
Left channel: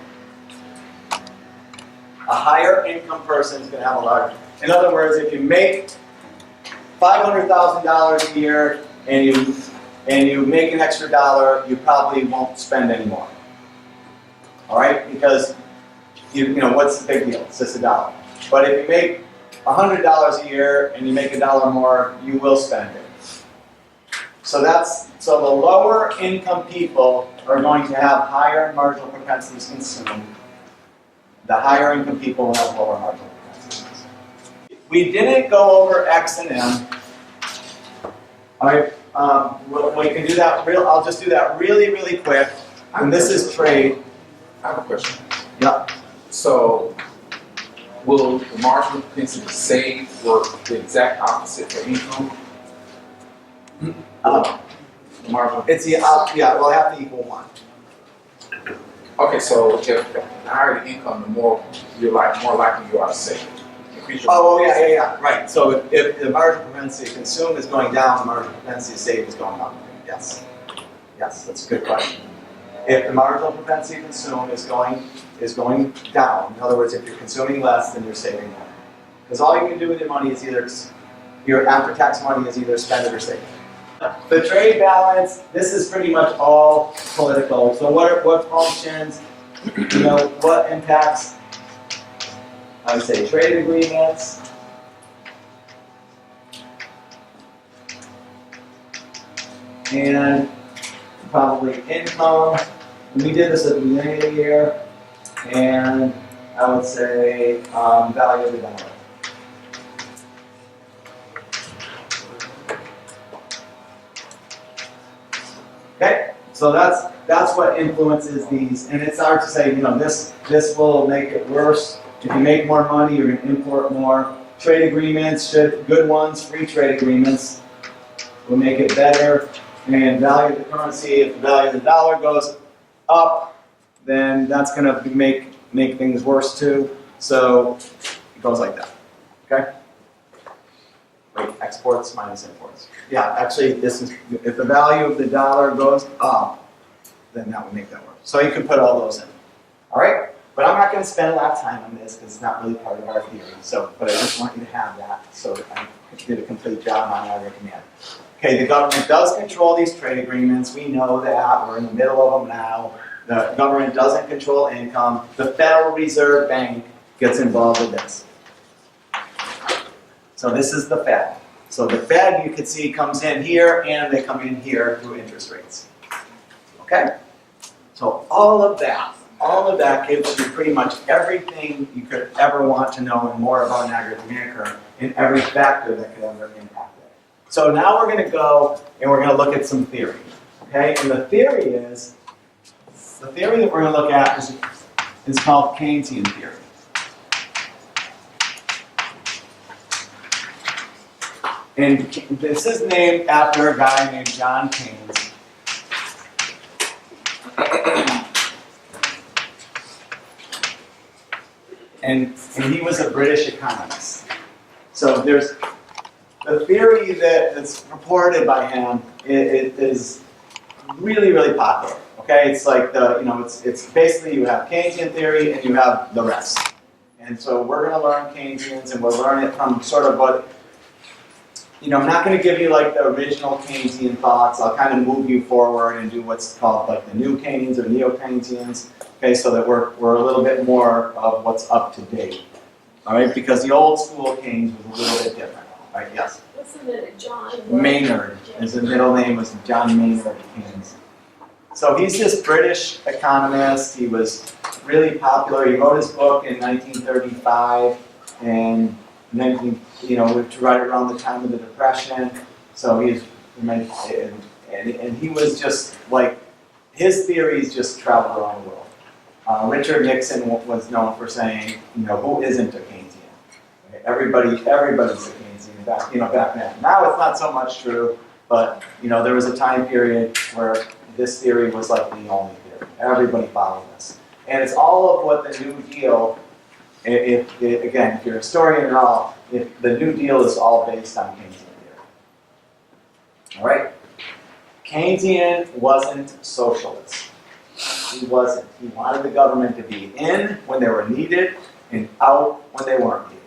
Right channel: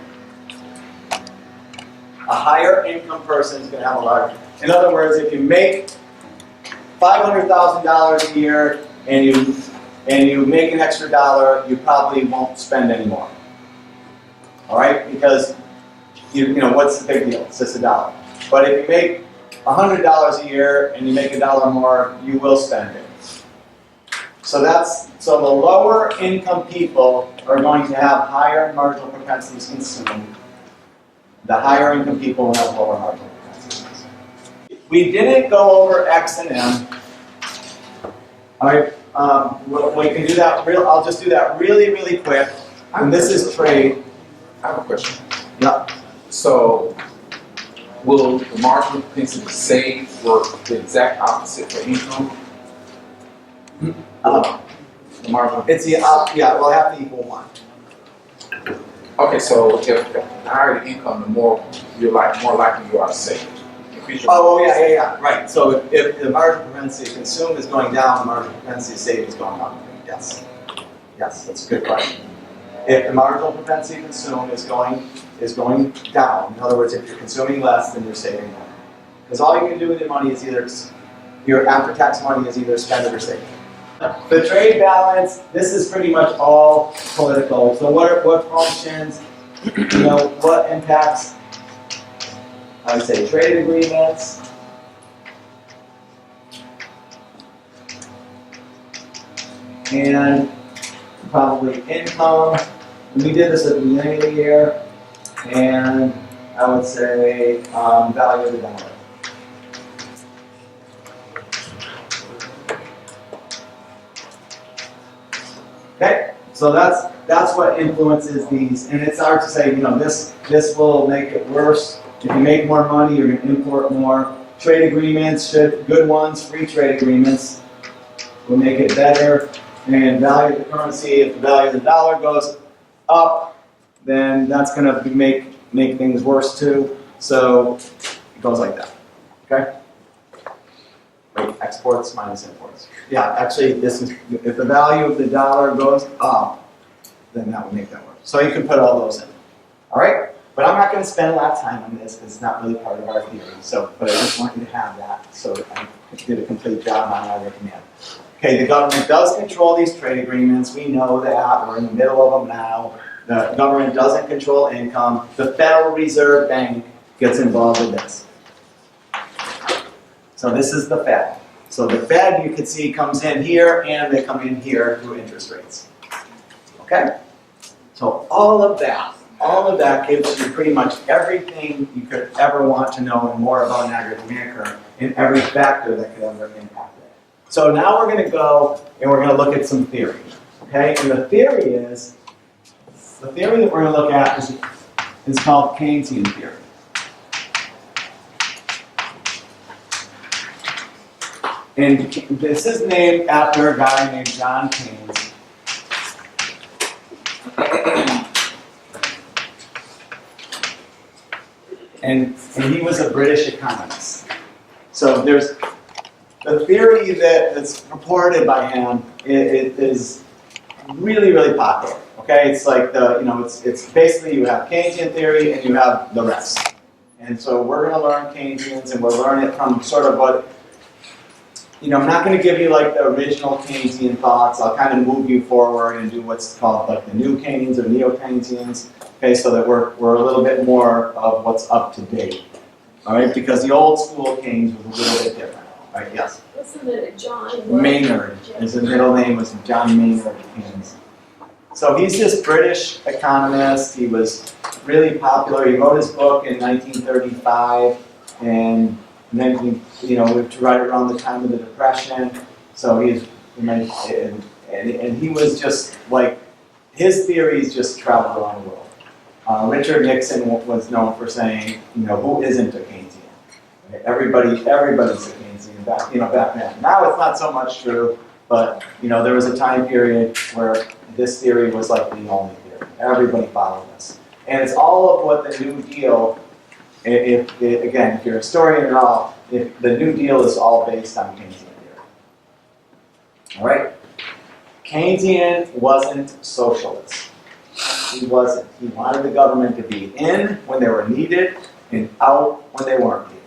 A higher income person is going to have a larger. In other words, if you make $500,000 a year and you make an extra dollar, you probably won't spend any more. All right, because you know what's the big deal? It's just a dollar. But if you make $100 a year and you make a dollar more, you will spend it. So the lower income people are going to have higher marginal propensities to consume. The higher income people will have lower marginal propensities. We didn't go over X and M. All right, we can do that. I'll just do that really, really quick. And this is trade. I have a question. Yeah. So, will the marginal propensity to save work the exact opposite for income? The marginal. It's the yeah. We'll have to equal 1. Okay, so if the higher the income, the more more likely you are to save. Increase your Oh yeah. Right. So if the marginal propensity to consume is going down, the marginal propensity to save is going up. Yes. Yes, that's a good question. If the marginal propensity to consume is going down, in other words, if you're consuming less, then you're saving more. Because all you can do with your money is your after-tax money is either spend it or save it. The trade balance, this is pretty much all political. So what functions, what impacts, I would say, trade agreements. And probably income. We did this at the beginning of the year. And I would say value of the dollar. Okay, so that's what influences these, and it's hard to say. This will make it worse. If you make more money, you're going to import more. Trade agreements, good ones, free trade agreements, will make it better. And value of the currency, if the value of the dollar goes up, then that's going to make things worse too. So it goes like that. Okay. Wait, exports minus imports. Yeah, actually, this is if the value of the dollar goes up, then that would make that worse. So you can put all those in. All right, but I'm not going to spend a lot of time on this because it's not really part of our theory. So, but I just want you to have that so I did a complete job on our command. Okay, the government does control these trade agreements. We know that. We're in the middle of them now. The government doesn't control income. The Federal Reserve Bank gets involved with this. So this is the Fed. So the Fed, you can see, comes in here, and they come in here through interest rates. Okay? So all of that gives you pretty much everything you could ever want to know and more about an aggregate demand curve and every factor that could ever impact it. So now we're going to go and we're going to look at some theory. Okay? And the theory that we're going to look at is called Keynesian theory. And this is named after a guy named John Keynes. And he was a British economist. So there's the theory that's purported by him is really, really popular. Okay, it's like it's basically you have Keynesian theory and you have the rest. And so we're going to learn Keynesians, and we'll learn it from sort of what. I'm not going to give you like the original Keynesian thoughts. I'll kind of move you forward and do what's called like the new Keynes or neo-Keynesians. okay, so that we're a little bit more of what's up to date. All right, because the old school Keynes was a little bit different. All right, yes. Wasn't it a John? Maynard, his middle name was John Maynard Keynes. So he's this British economist. He was really popular. He wrote his book in 1935, and then he, to write around the time of the Depression. So and he was just like, his theories just traveled around the world. Richard Nixon was known for saying, who isn't a Keynesian? Okay, everybody's a Keynesian back then. Now it's not so much true, but there was a time period where this theory was like the only theory. Everybody followed this. And it's all of what the New Deal, if you're a historian at all, if the New Deal is all based on Keynesian theory. All right? Keynesian wasn't socialist. He wasn't. He wanted the government to be in when they were needed and out when they weren't needed.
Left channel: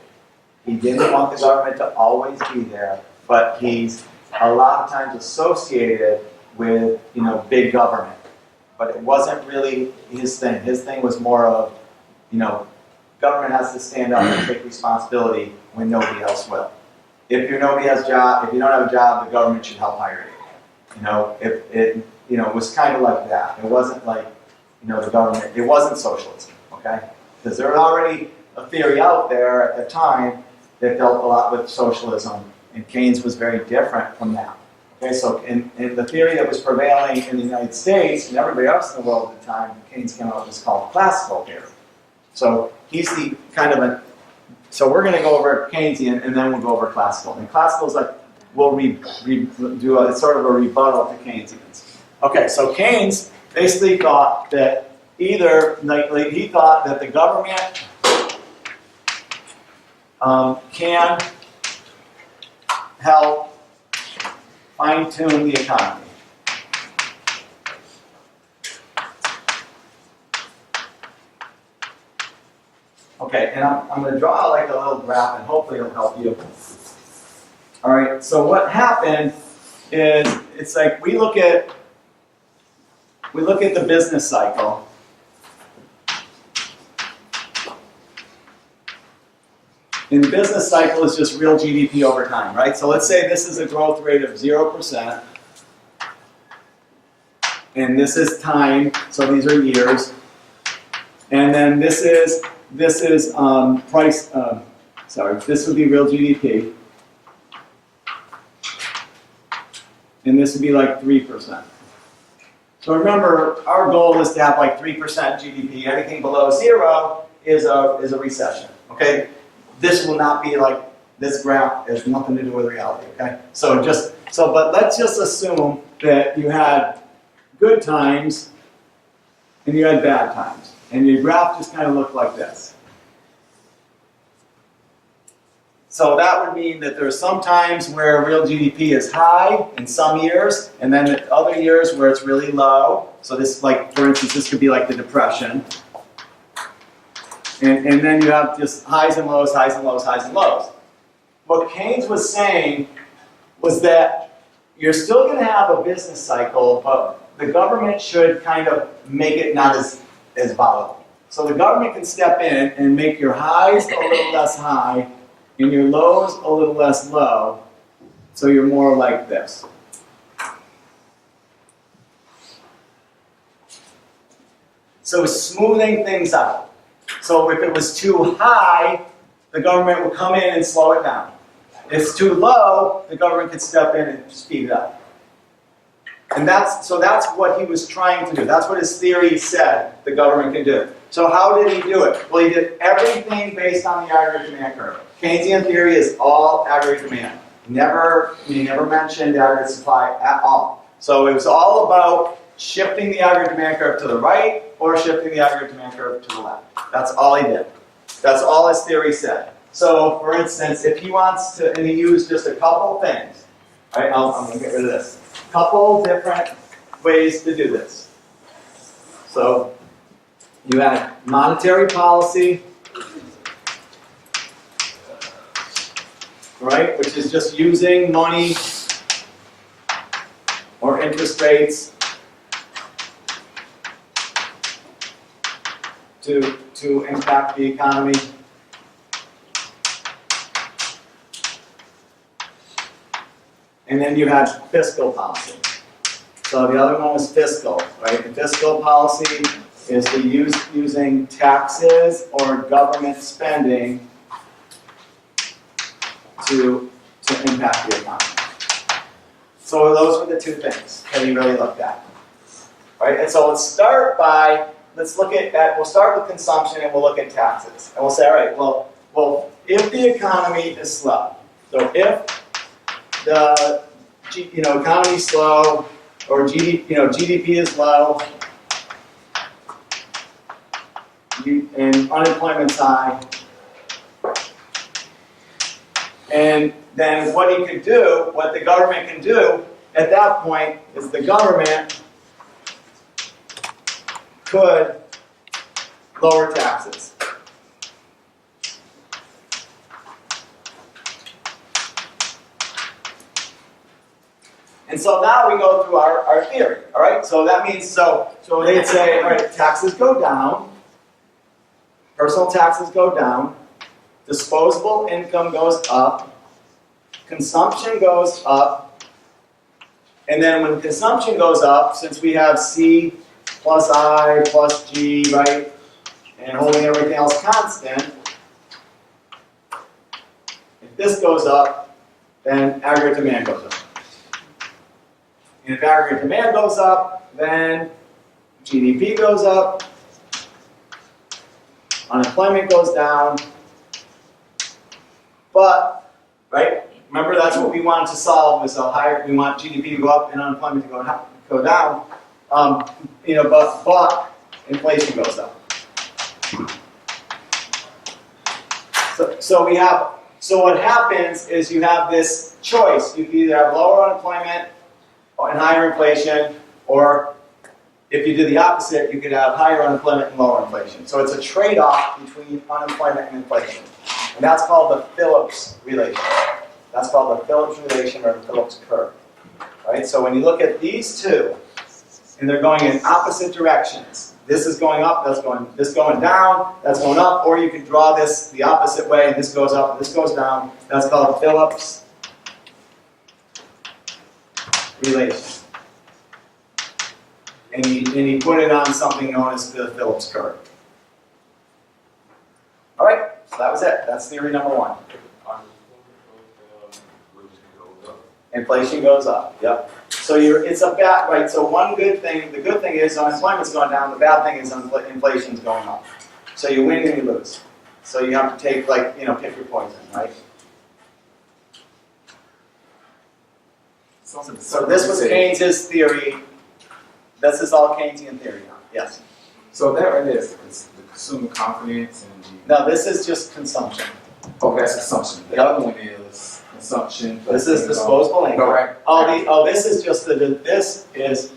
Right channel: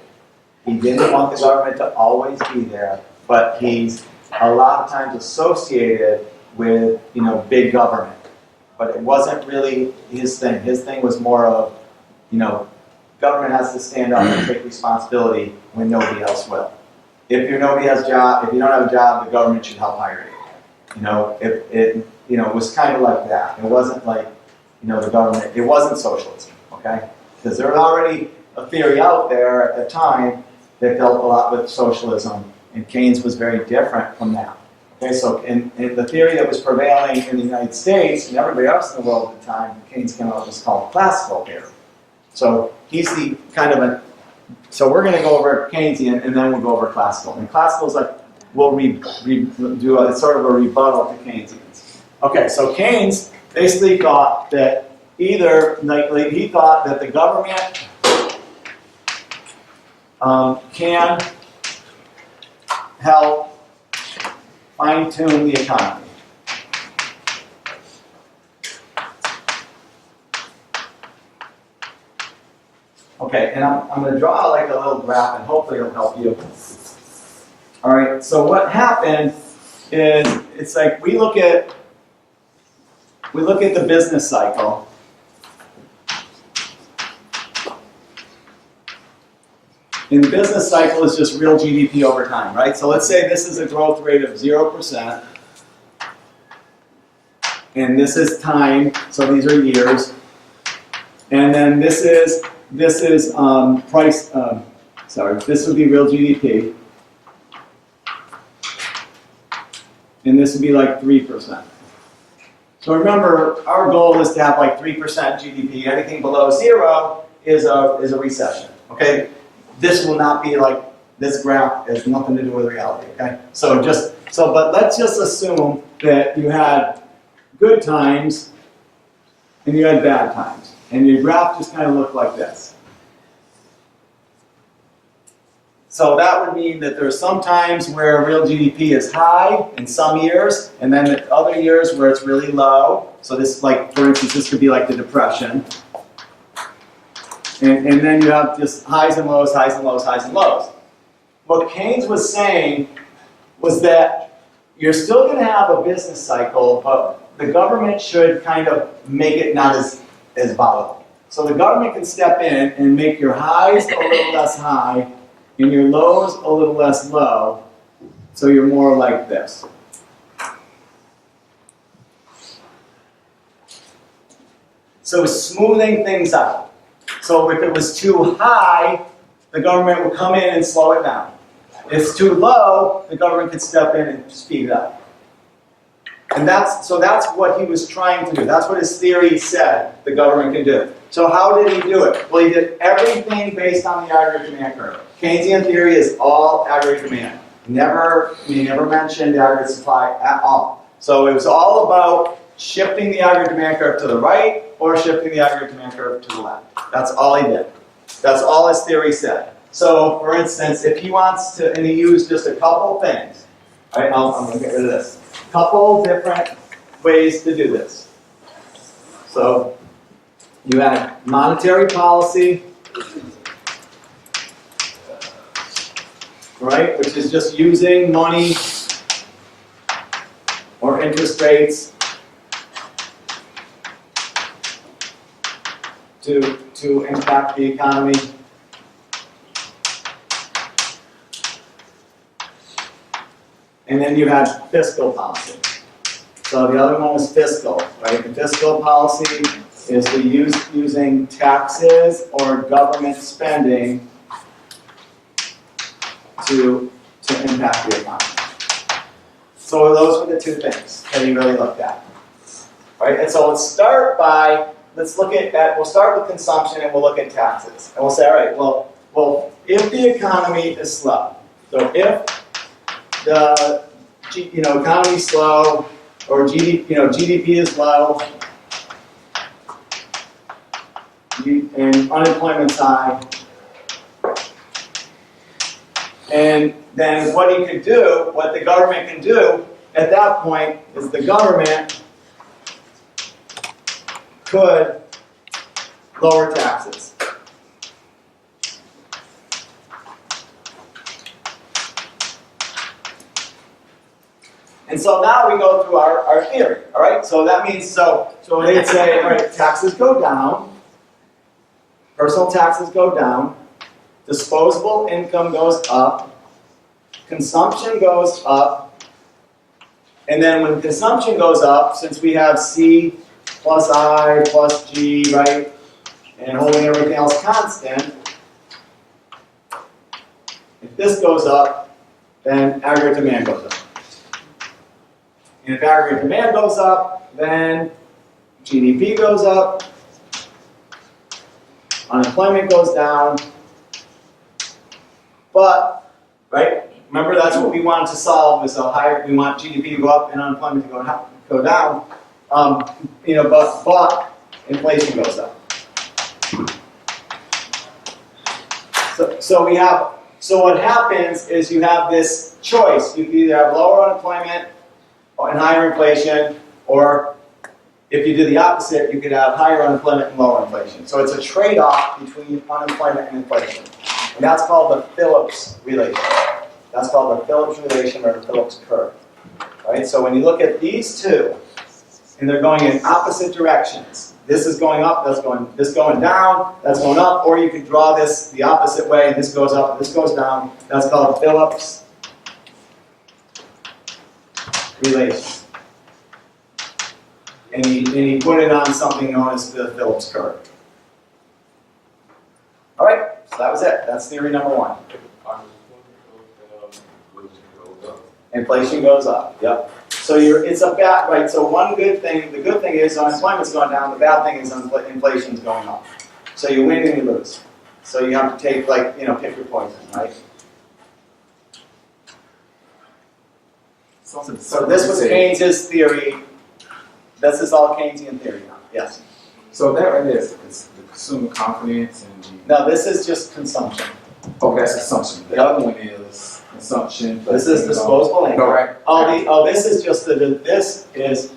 He didn't want the government to always be there, but he's a lot of times associated with, big government. But it wasn't really his thing. His thing was more of, government has to stand up and take responsibility when nobody else will. If you don't have a job, the government should help hire you. It was kind of like that. It wasn't like, the government, it wasn't socialism, okay? Because there was already a theory out there at the time that dealt a lot with socialism, and Keynes was very different from that. Okay, so in the theory that was prevailing in the United States and everybody else in the world at the time, Keynes came out with what's called classical theory. So he's the kind of so we're going to go over Keynesian and then we'll go over classical. And classical is like, we'll do a sort of a rebuttal to Keynesians. Okay, so Keynes basically thought that he thought that the government can help fine-tune the economy. Okay, and I'm going to draw like a little graph, and hopefully it'll help you. All right, so what happened is it's like we look at the business cycle. And the business cycle is just real GDP over time, right? So let's say this is a growth rate of 0%. And this is time, so these are years. And then this is price, this would be real GDP. And this would be like 3%. So remember, our goal is to have like 3% GDP. Anything below 0 is a recession, okay? This will not be like, this graph has nothing to do with reality, okay? But let's just assume that you had good times and you had bad times. And your graph just kind of looked like this. So that would mean that there are some times where real GDP is high in some years, and then other years where it's really low. So this, like, for instance, this could be like the Depression. And then you have just highs and lows, highs and lows, highs and lows. What Keynes was saying was that you're still going to have a business cycle, but the government should kind of make it not as volatile. So the government can step in and make your highs a little less high and your lows a little less low, so you're more like this. So smoothing things out. So if it was too high, the government would come in and slow it down. If it's too low, the government could step in and speed it up. And that's what he was trying to do. That's what his theory said the government can do. So how did he do it? Well, he did everything based on the aggregate demand curve. Keynesian theory is all aggregate demand. He never mentioned aggregate supply at all. So it was all about shifting the aggregate demand curve to the right or shifting the aggregate demand curve to the left. That's all he did. That's all his theory said. So, for instance, if he wants to, and he used just a couple things. All right, I'm going to get rid of this. Couple different ways to do this. So, you had monetary policy, right, which is just using money or interest rates to impact the economy. And then you had fiscal policy. So the other one was fiscal, right? The fiscal policy is the using taxes or government spending to impact the economy. So those were the two things that he really looked at. Right? And so let's start we'll start with consumption and we'll look at taxes. And we'll say, all right, well, if the economy is slow, so if the economy is slow or GDP is low and unemployment's high, and then what the government can do at that point is the government could lower taxes. And so now we go through our theory, all right? So that means, so they'd say, all right, taxes go down, personal taxes go down, disposable income goes up, consumption goes up, and then when consumption goes up, since we have C plus I plus G, right, and holding everything else constant, if this goes up, then aggregate demand goes up. And if aggregate demand goes up, then GDP goes up, unemployment goes down, but, right, remember that's what we wanted to solve, is we want GDP to go up and unemployment to go down, but inflation goes up. So what happens is you have this choice. You can either have lower unemployment and higher inflation, or if you do the opposite, you could have higher unemployment and lower inflation. So it's a trade-off between unemployment and inflation. And that's called the Phillips relation. That's called the Phillips relation or the Phillips curve. Right? So when you look at these two, and they're going in opposite directions. This is going up, this going down, that's going up, or you could draw this the opposite way, and this goes up, and this goes down. That's called Phillips relation. And he put it on something known as the Phillips curve. All right, so that was it. That's theory number one. Inflation goes up. Yep. So it's a bad, right? So one good thing, the good thing is unemployment's going down. The bad thing is inflation's going up. So you win and you lose. So you have to take pick your poison, right? So this was Keynes' theory. This is all Keynesian theory now. Yes. So that right there is the consumer confidence and No, this is just consumption. that's consumption. The other one is consumption. This is disposable income. Right. This is just this is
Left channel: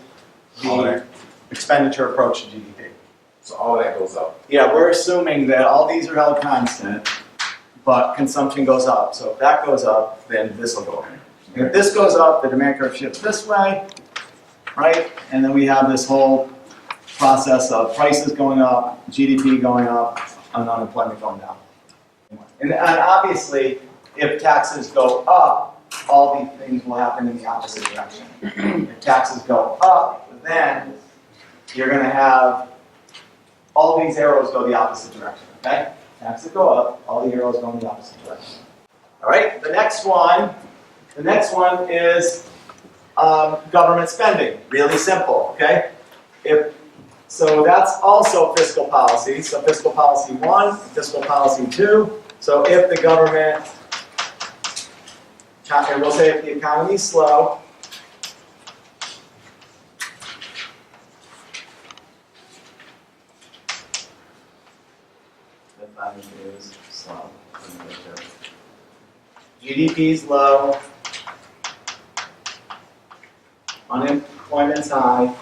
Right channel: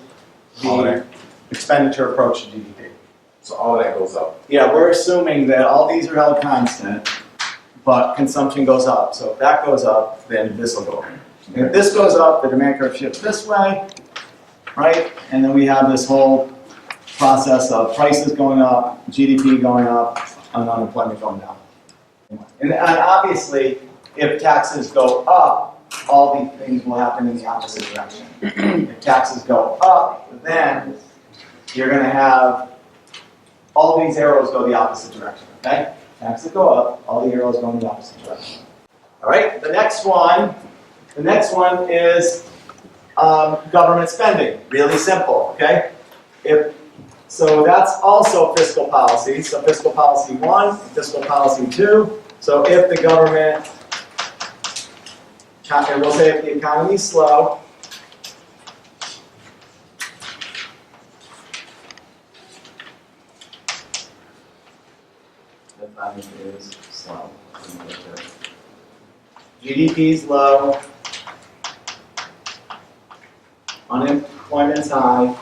the expenditure approach to GDP. So all that goes up. Yeah, we're assuming that all these are held constant, but consumption goes up. So if that goes up, then this will go up. And if this goes up, the demand curve shifts this way, right? And then we have this whole process of prices going up, GDP going up, and unemployment going down. And obviously, if taxes go up, all these things will happen in the opposite direction. If taxes go up, then you're going to have all these arrows go the opposite direction, okay? Taxes go up, all the arrows go in the opposite direction. All right, the next one is government spending. Really simple, okay? So that's also fiscal policy. So fiscal policy 1, and fiscal policy 2. So if the government, and we'll say if the economy is slow, the economy is slow. GDP is low, unemployment's high,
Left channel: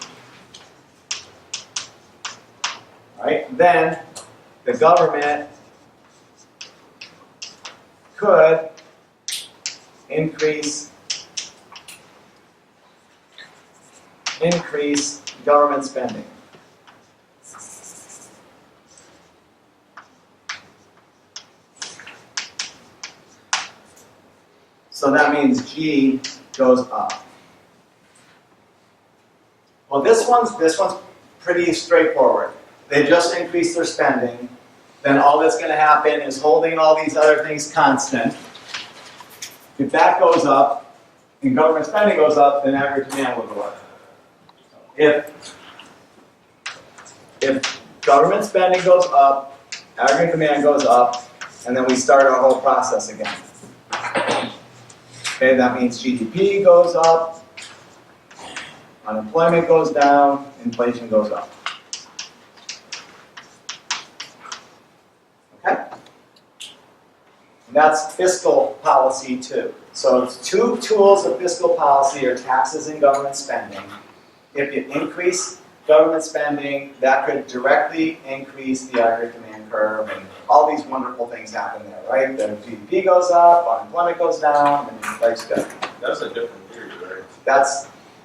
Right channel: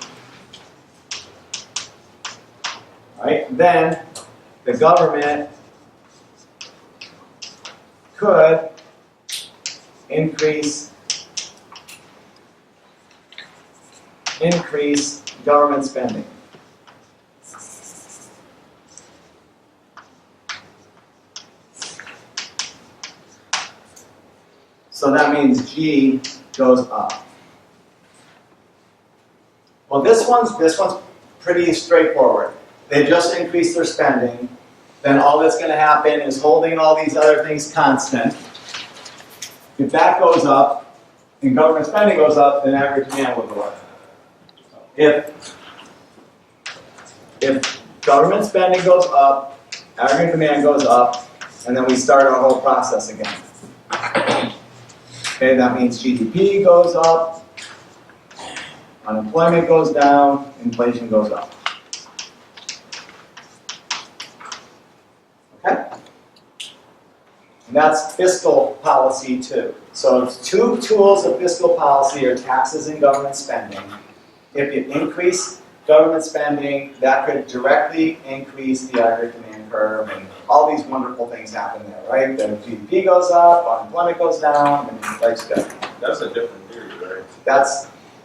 right? Then the government could increase government spending. So that means G goes up. Well, this one's pretty straightforward. They just increased their spending. Then all that's going to happen is holding all these other things constant. If that goes up and government spending goes up, then average demand will go up. If government spending goes up, aggregate demand goes up, and then we start our whole process again. Okay, that means GDP goes up, unemployment goes down, inflation goes up. Okay? And that's fiscal policy too. So it's two tools of fiscal policy are taxes and government spending. If you increase government spending, that could directly increase the aggregate demand curve, and all these wonderful things happen there, right? The GDP goes up, unemployment goes down, and inflation goes down. That's a different theory, right?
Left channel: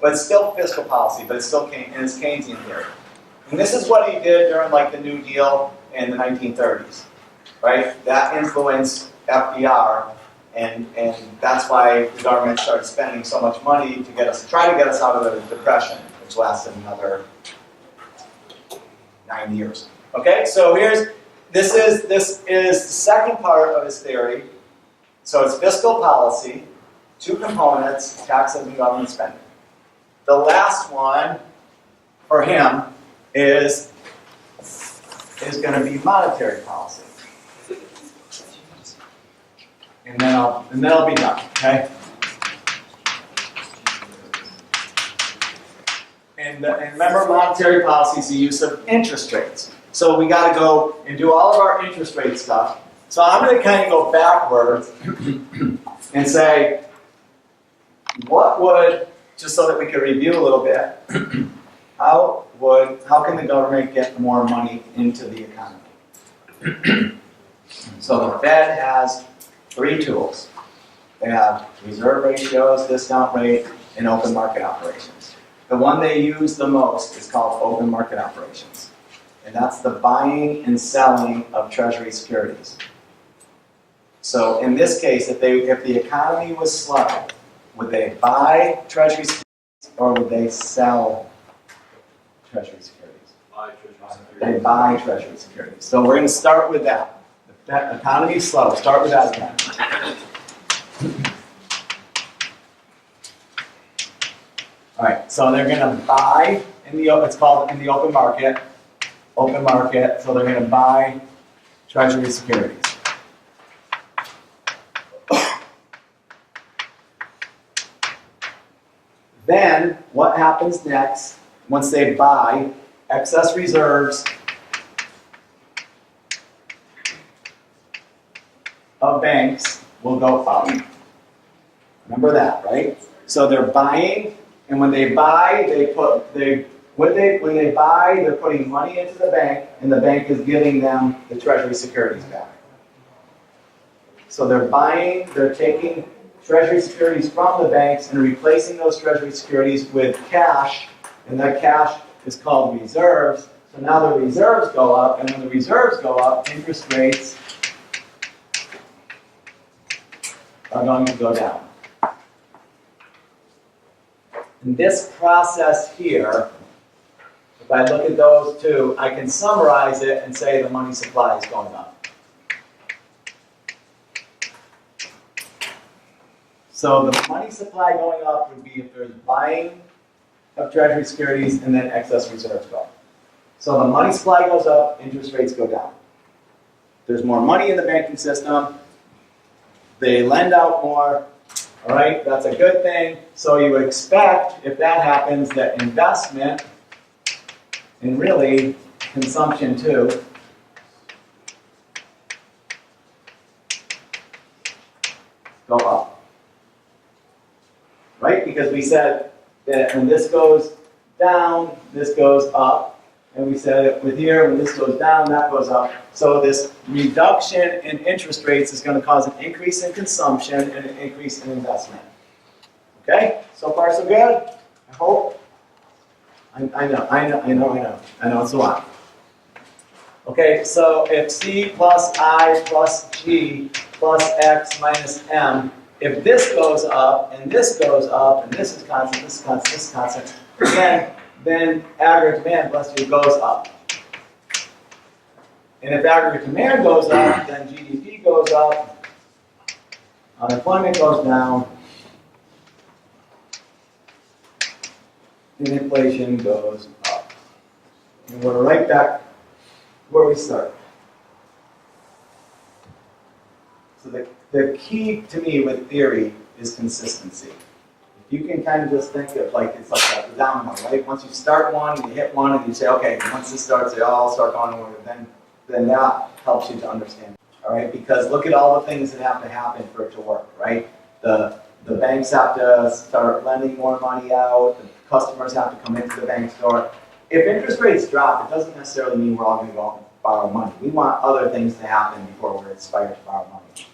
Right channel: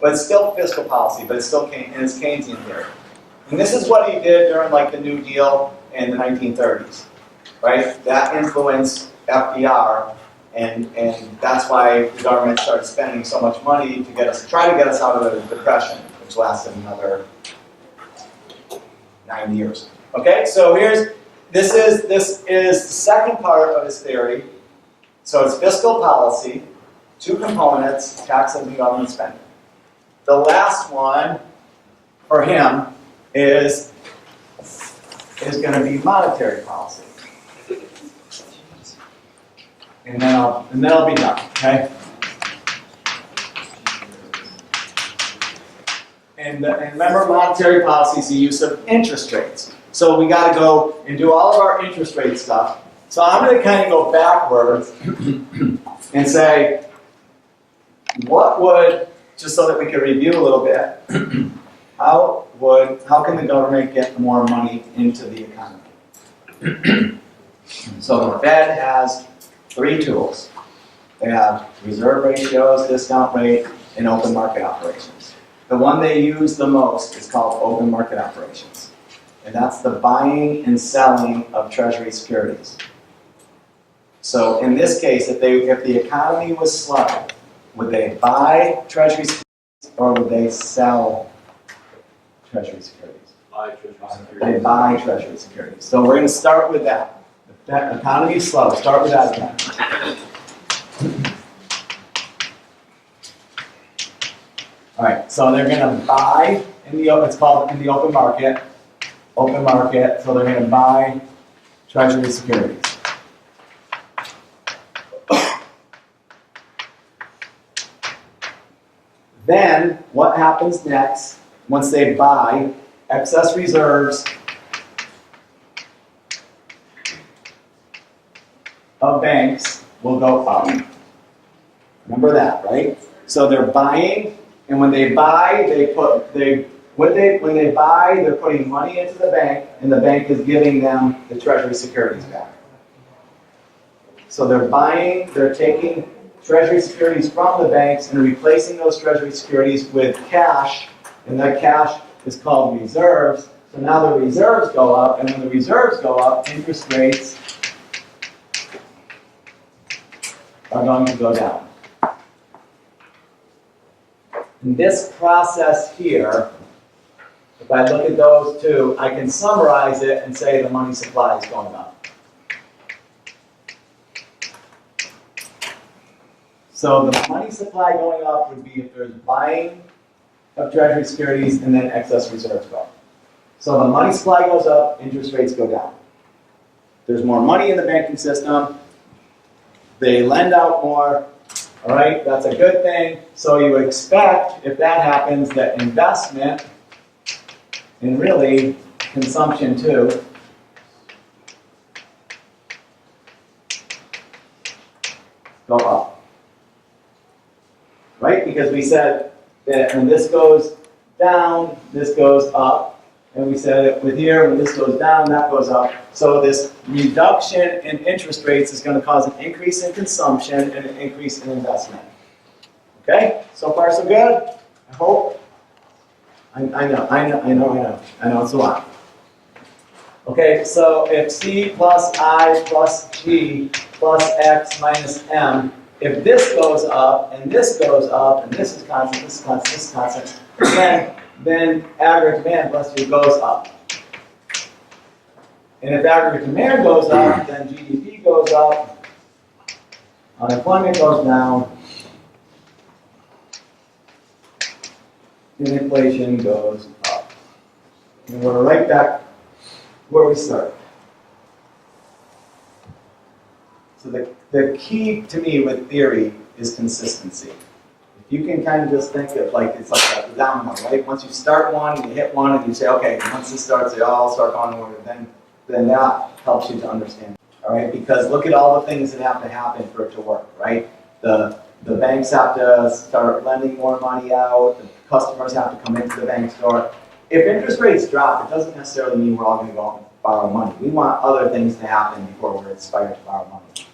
But it's still fiscal policy, but it's still and it's Keynesian theory. And this is what he did during like the New Deal in the 1930s, right? That influenced FDR, and that's why the government started spending so much money to try to get us out of the Depression, which lasted another 9 years. Okay, so this is the second part of his theory. So it's fiscal policy, two components, taxes and government spending. The last one for him is going to be monetary policy. And then I'll be done, okay? And remember, monetary policy is the use of interest rates. So we got to go and do all of our interest rate stuff. So I'm going to kind of go backwards and say, what would, just so that we can review a little bit, how can the government get more money into the economy? So the Fed has three tools. They have reserve ratios, discount rate, and open market operations. The one they use the most is called open market operations. And that's the buying and selling of treasury securities. So in this case, if the economy was slow, would they buy treasury securities or would they sell treasury securities? They buy treasury securities. So we're going to start with that. The economy is slow. Start with that again. All right, so they're going to buy it's called in the open market. Open market, so they're going to buy treasury securities. Then, what happens next, once they buy, excess reserves of banks will go up. Remember that, right? So they're buying, and when they buy, when they buy, they're putting money into the bank, and the bank is giving them the treasury securities back. So they're buying, they're taking treasury securities from the banks and replacing those treasury securities with cash, and that cash is called reserves. So now the reserves go up, and when the reserves go up, interest rates are going to go down. And this process here, if I look at those two, I can summarize it and say the money supply is going up. So the money supply going up would be if there's buying of treasury securities and then excess reserves go up. So the money supply goes up, interest rates go down. There's more money in the banking system, they lend out more, all right, that's a good thing. So you would expect, if that happens, that investment, and really consumption too, go up. Right? Because we said that when this goes down, this goes up. And we said with here, when this goes down, that goes up. So this reduction in interest rates is going to cause an increase in consumption and an increase in investment. Okay? So far so good? I hope. I know it's a lot. Okay, so if C plus I plus G plus X minus M if this goes up, and this goes up, and this is constant, this is constant, this is constant, then aggregate demand, bless you, goes up. And if aggregate demand goes up, then GDP goes up, unemployment goes down, and inflation goes up. And we're right back where we started. So the key to me with theory is consistency. If you can kind of just think of like, it's like a domino, right? Once you start one, you hit one, and you say, okay, once this starts, they all start going in order, then that helps you to understand. All right, because look at all the things that have to happen for it to work, right? The banks have to start lending more money out, the customers have to come into the bank store. If interest rates drop, it doesn't necessarily mean we're all going to go out and borrow money. We want other things to happen before we're inspired to borrow money.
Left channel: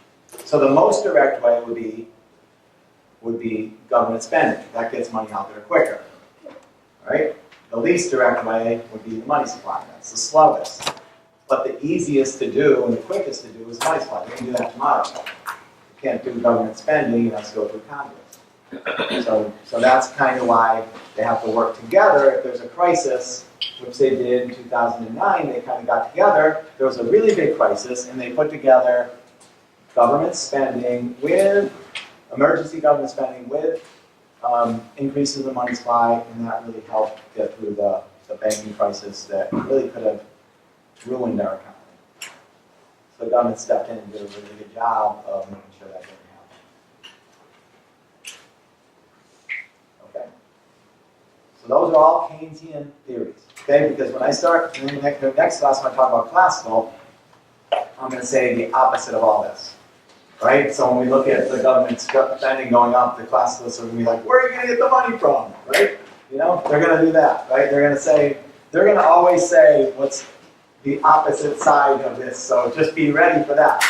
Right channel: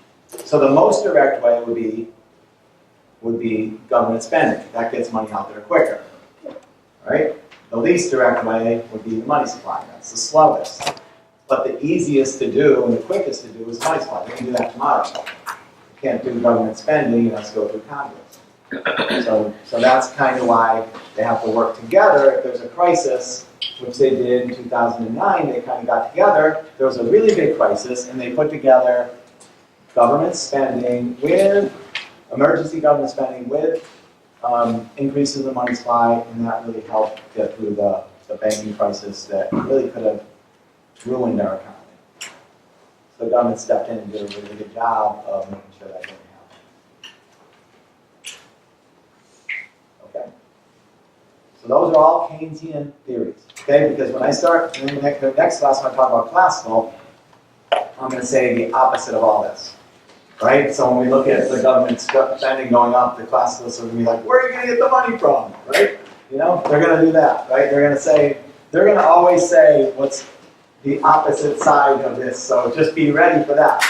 So the most direct way would be government spending. That gets money out there quicker, right? The least direct way would be the money supply. That's the slowest. But the easiest to do and the quickest to do is money supply. They can do that tomorrow. You can't do government spending, you have to go through Congress. So that's kind of why they have to work together. If there's a crisis, which they did in 2009, they kind of got together. There was a really big crisis, and they put together government spending with emergency government spending with increases in the money supply, and that really helped get through the banking crisis that really could have ruined our economy. So the government stepped in and did a really good job of making sure that didn't happen. Okay. So those are all Keynesian theories. Okay, because when I start in the next class, when I talk about classical, I'm going to say the opposite of all this. Right? So when we look at the government spending going up, the classicalists are going to be like, where are you going to get the money from? Right? You know, they're going to do that, right? They're going to always say what's the opposite side of this. So just be ready for that.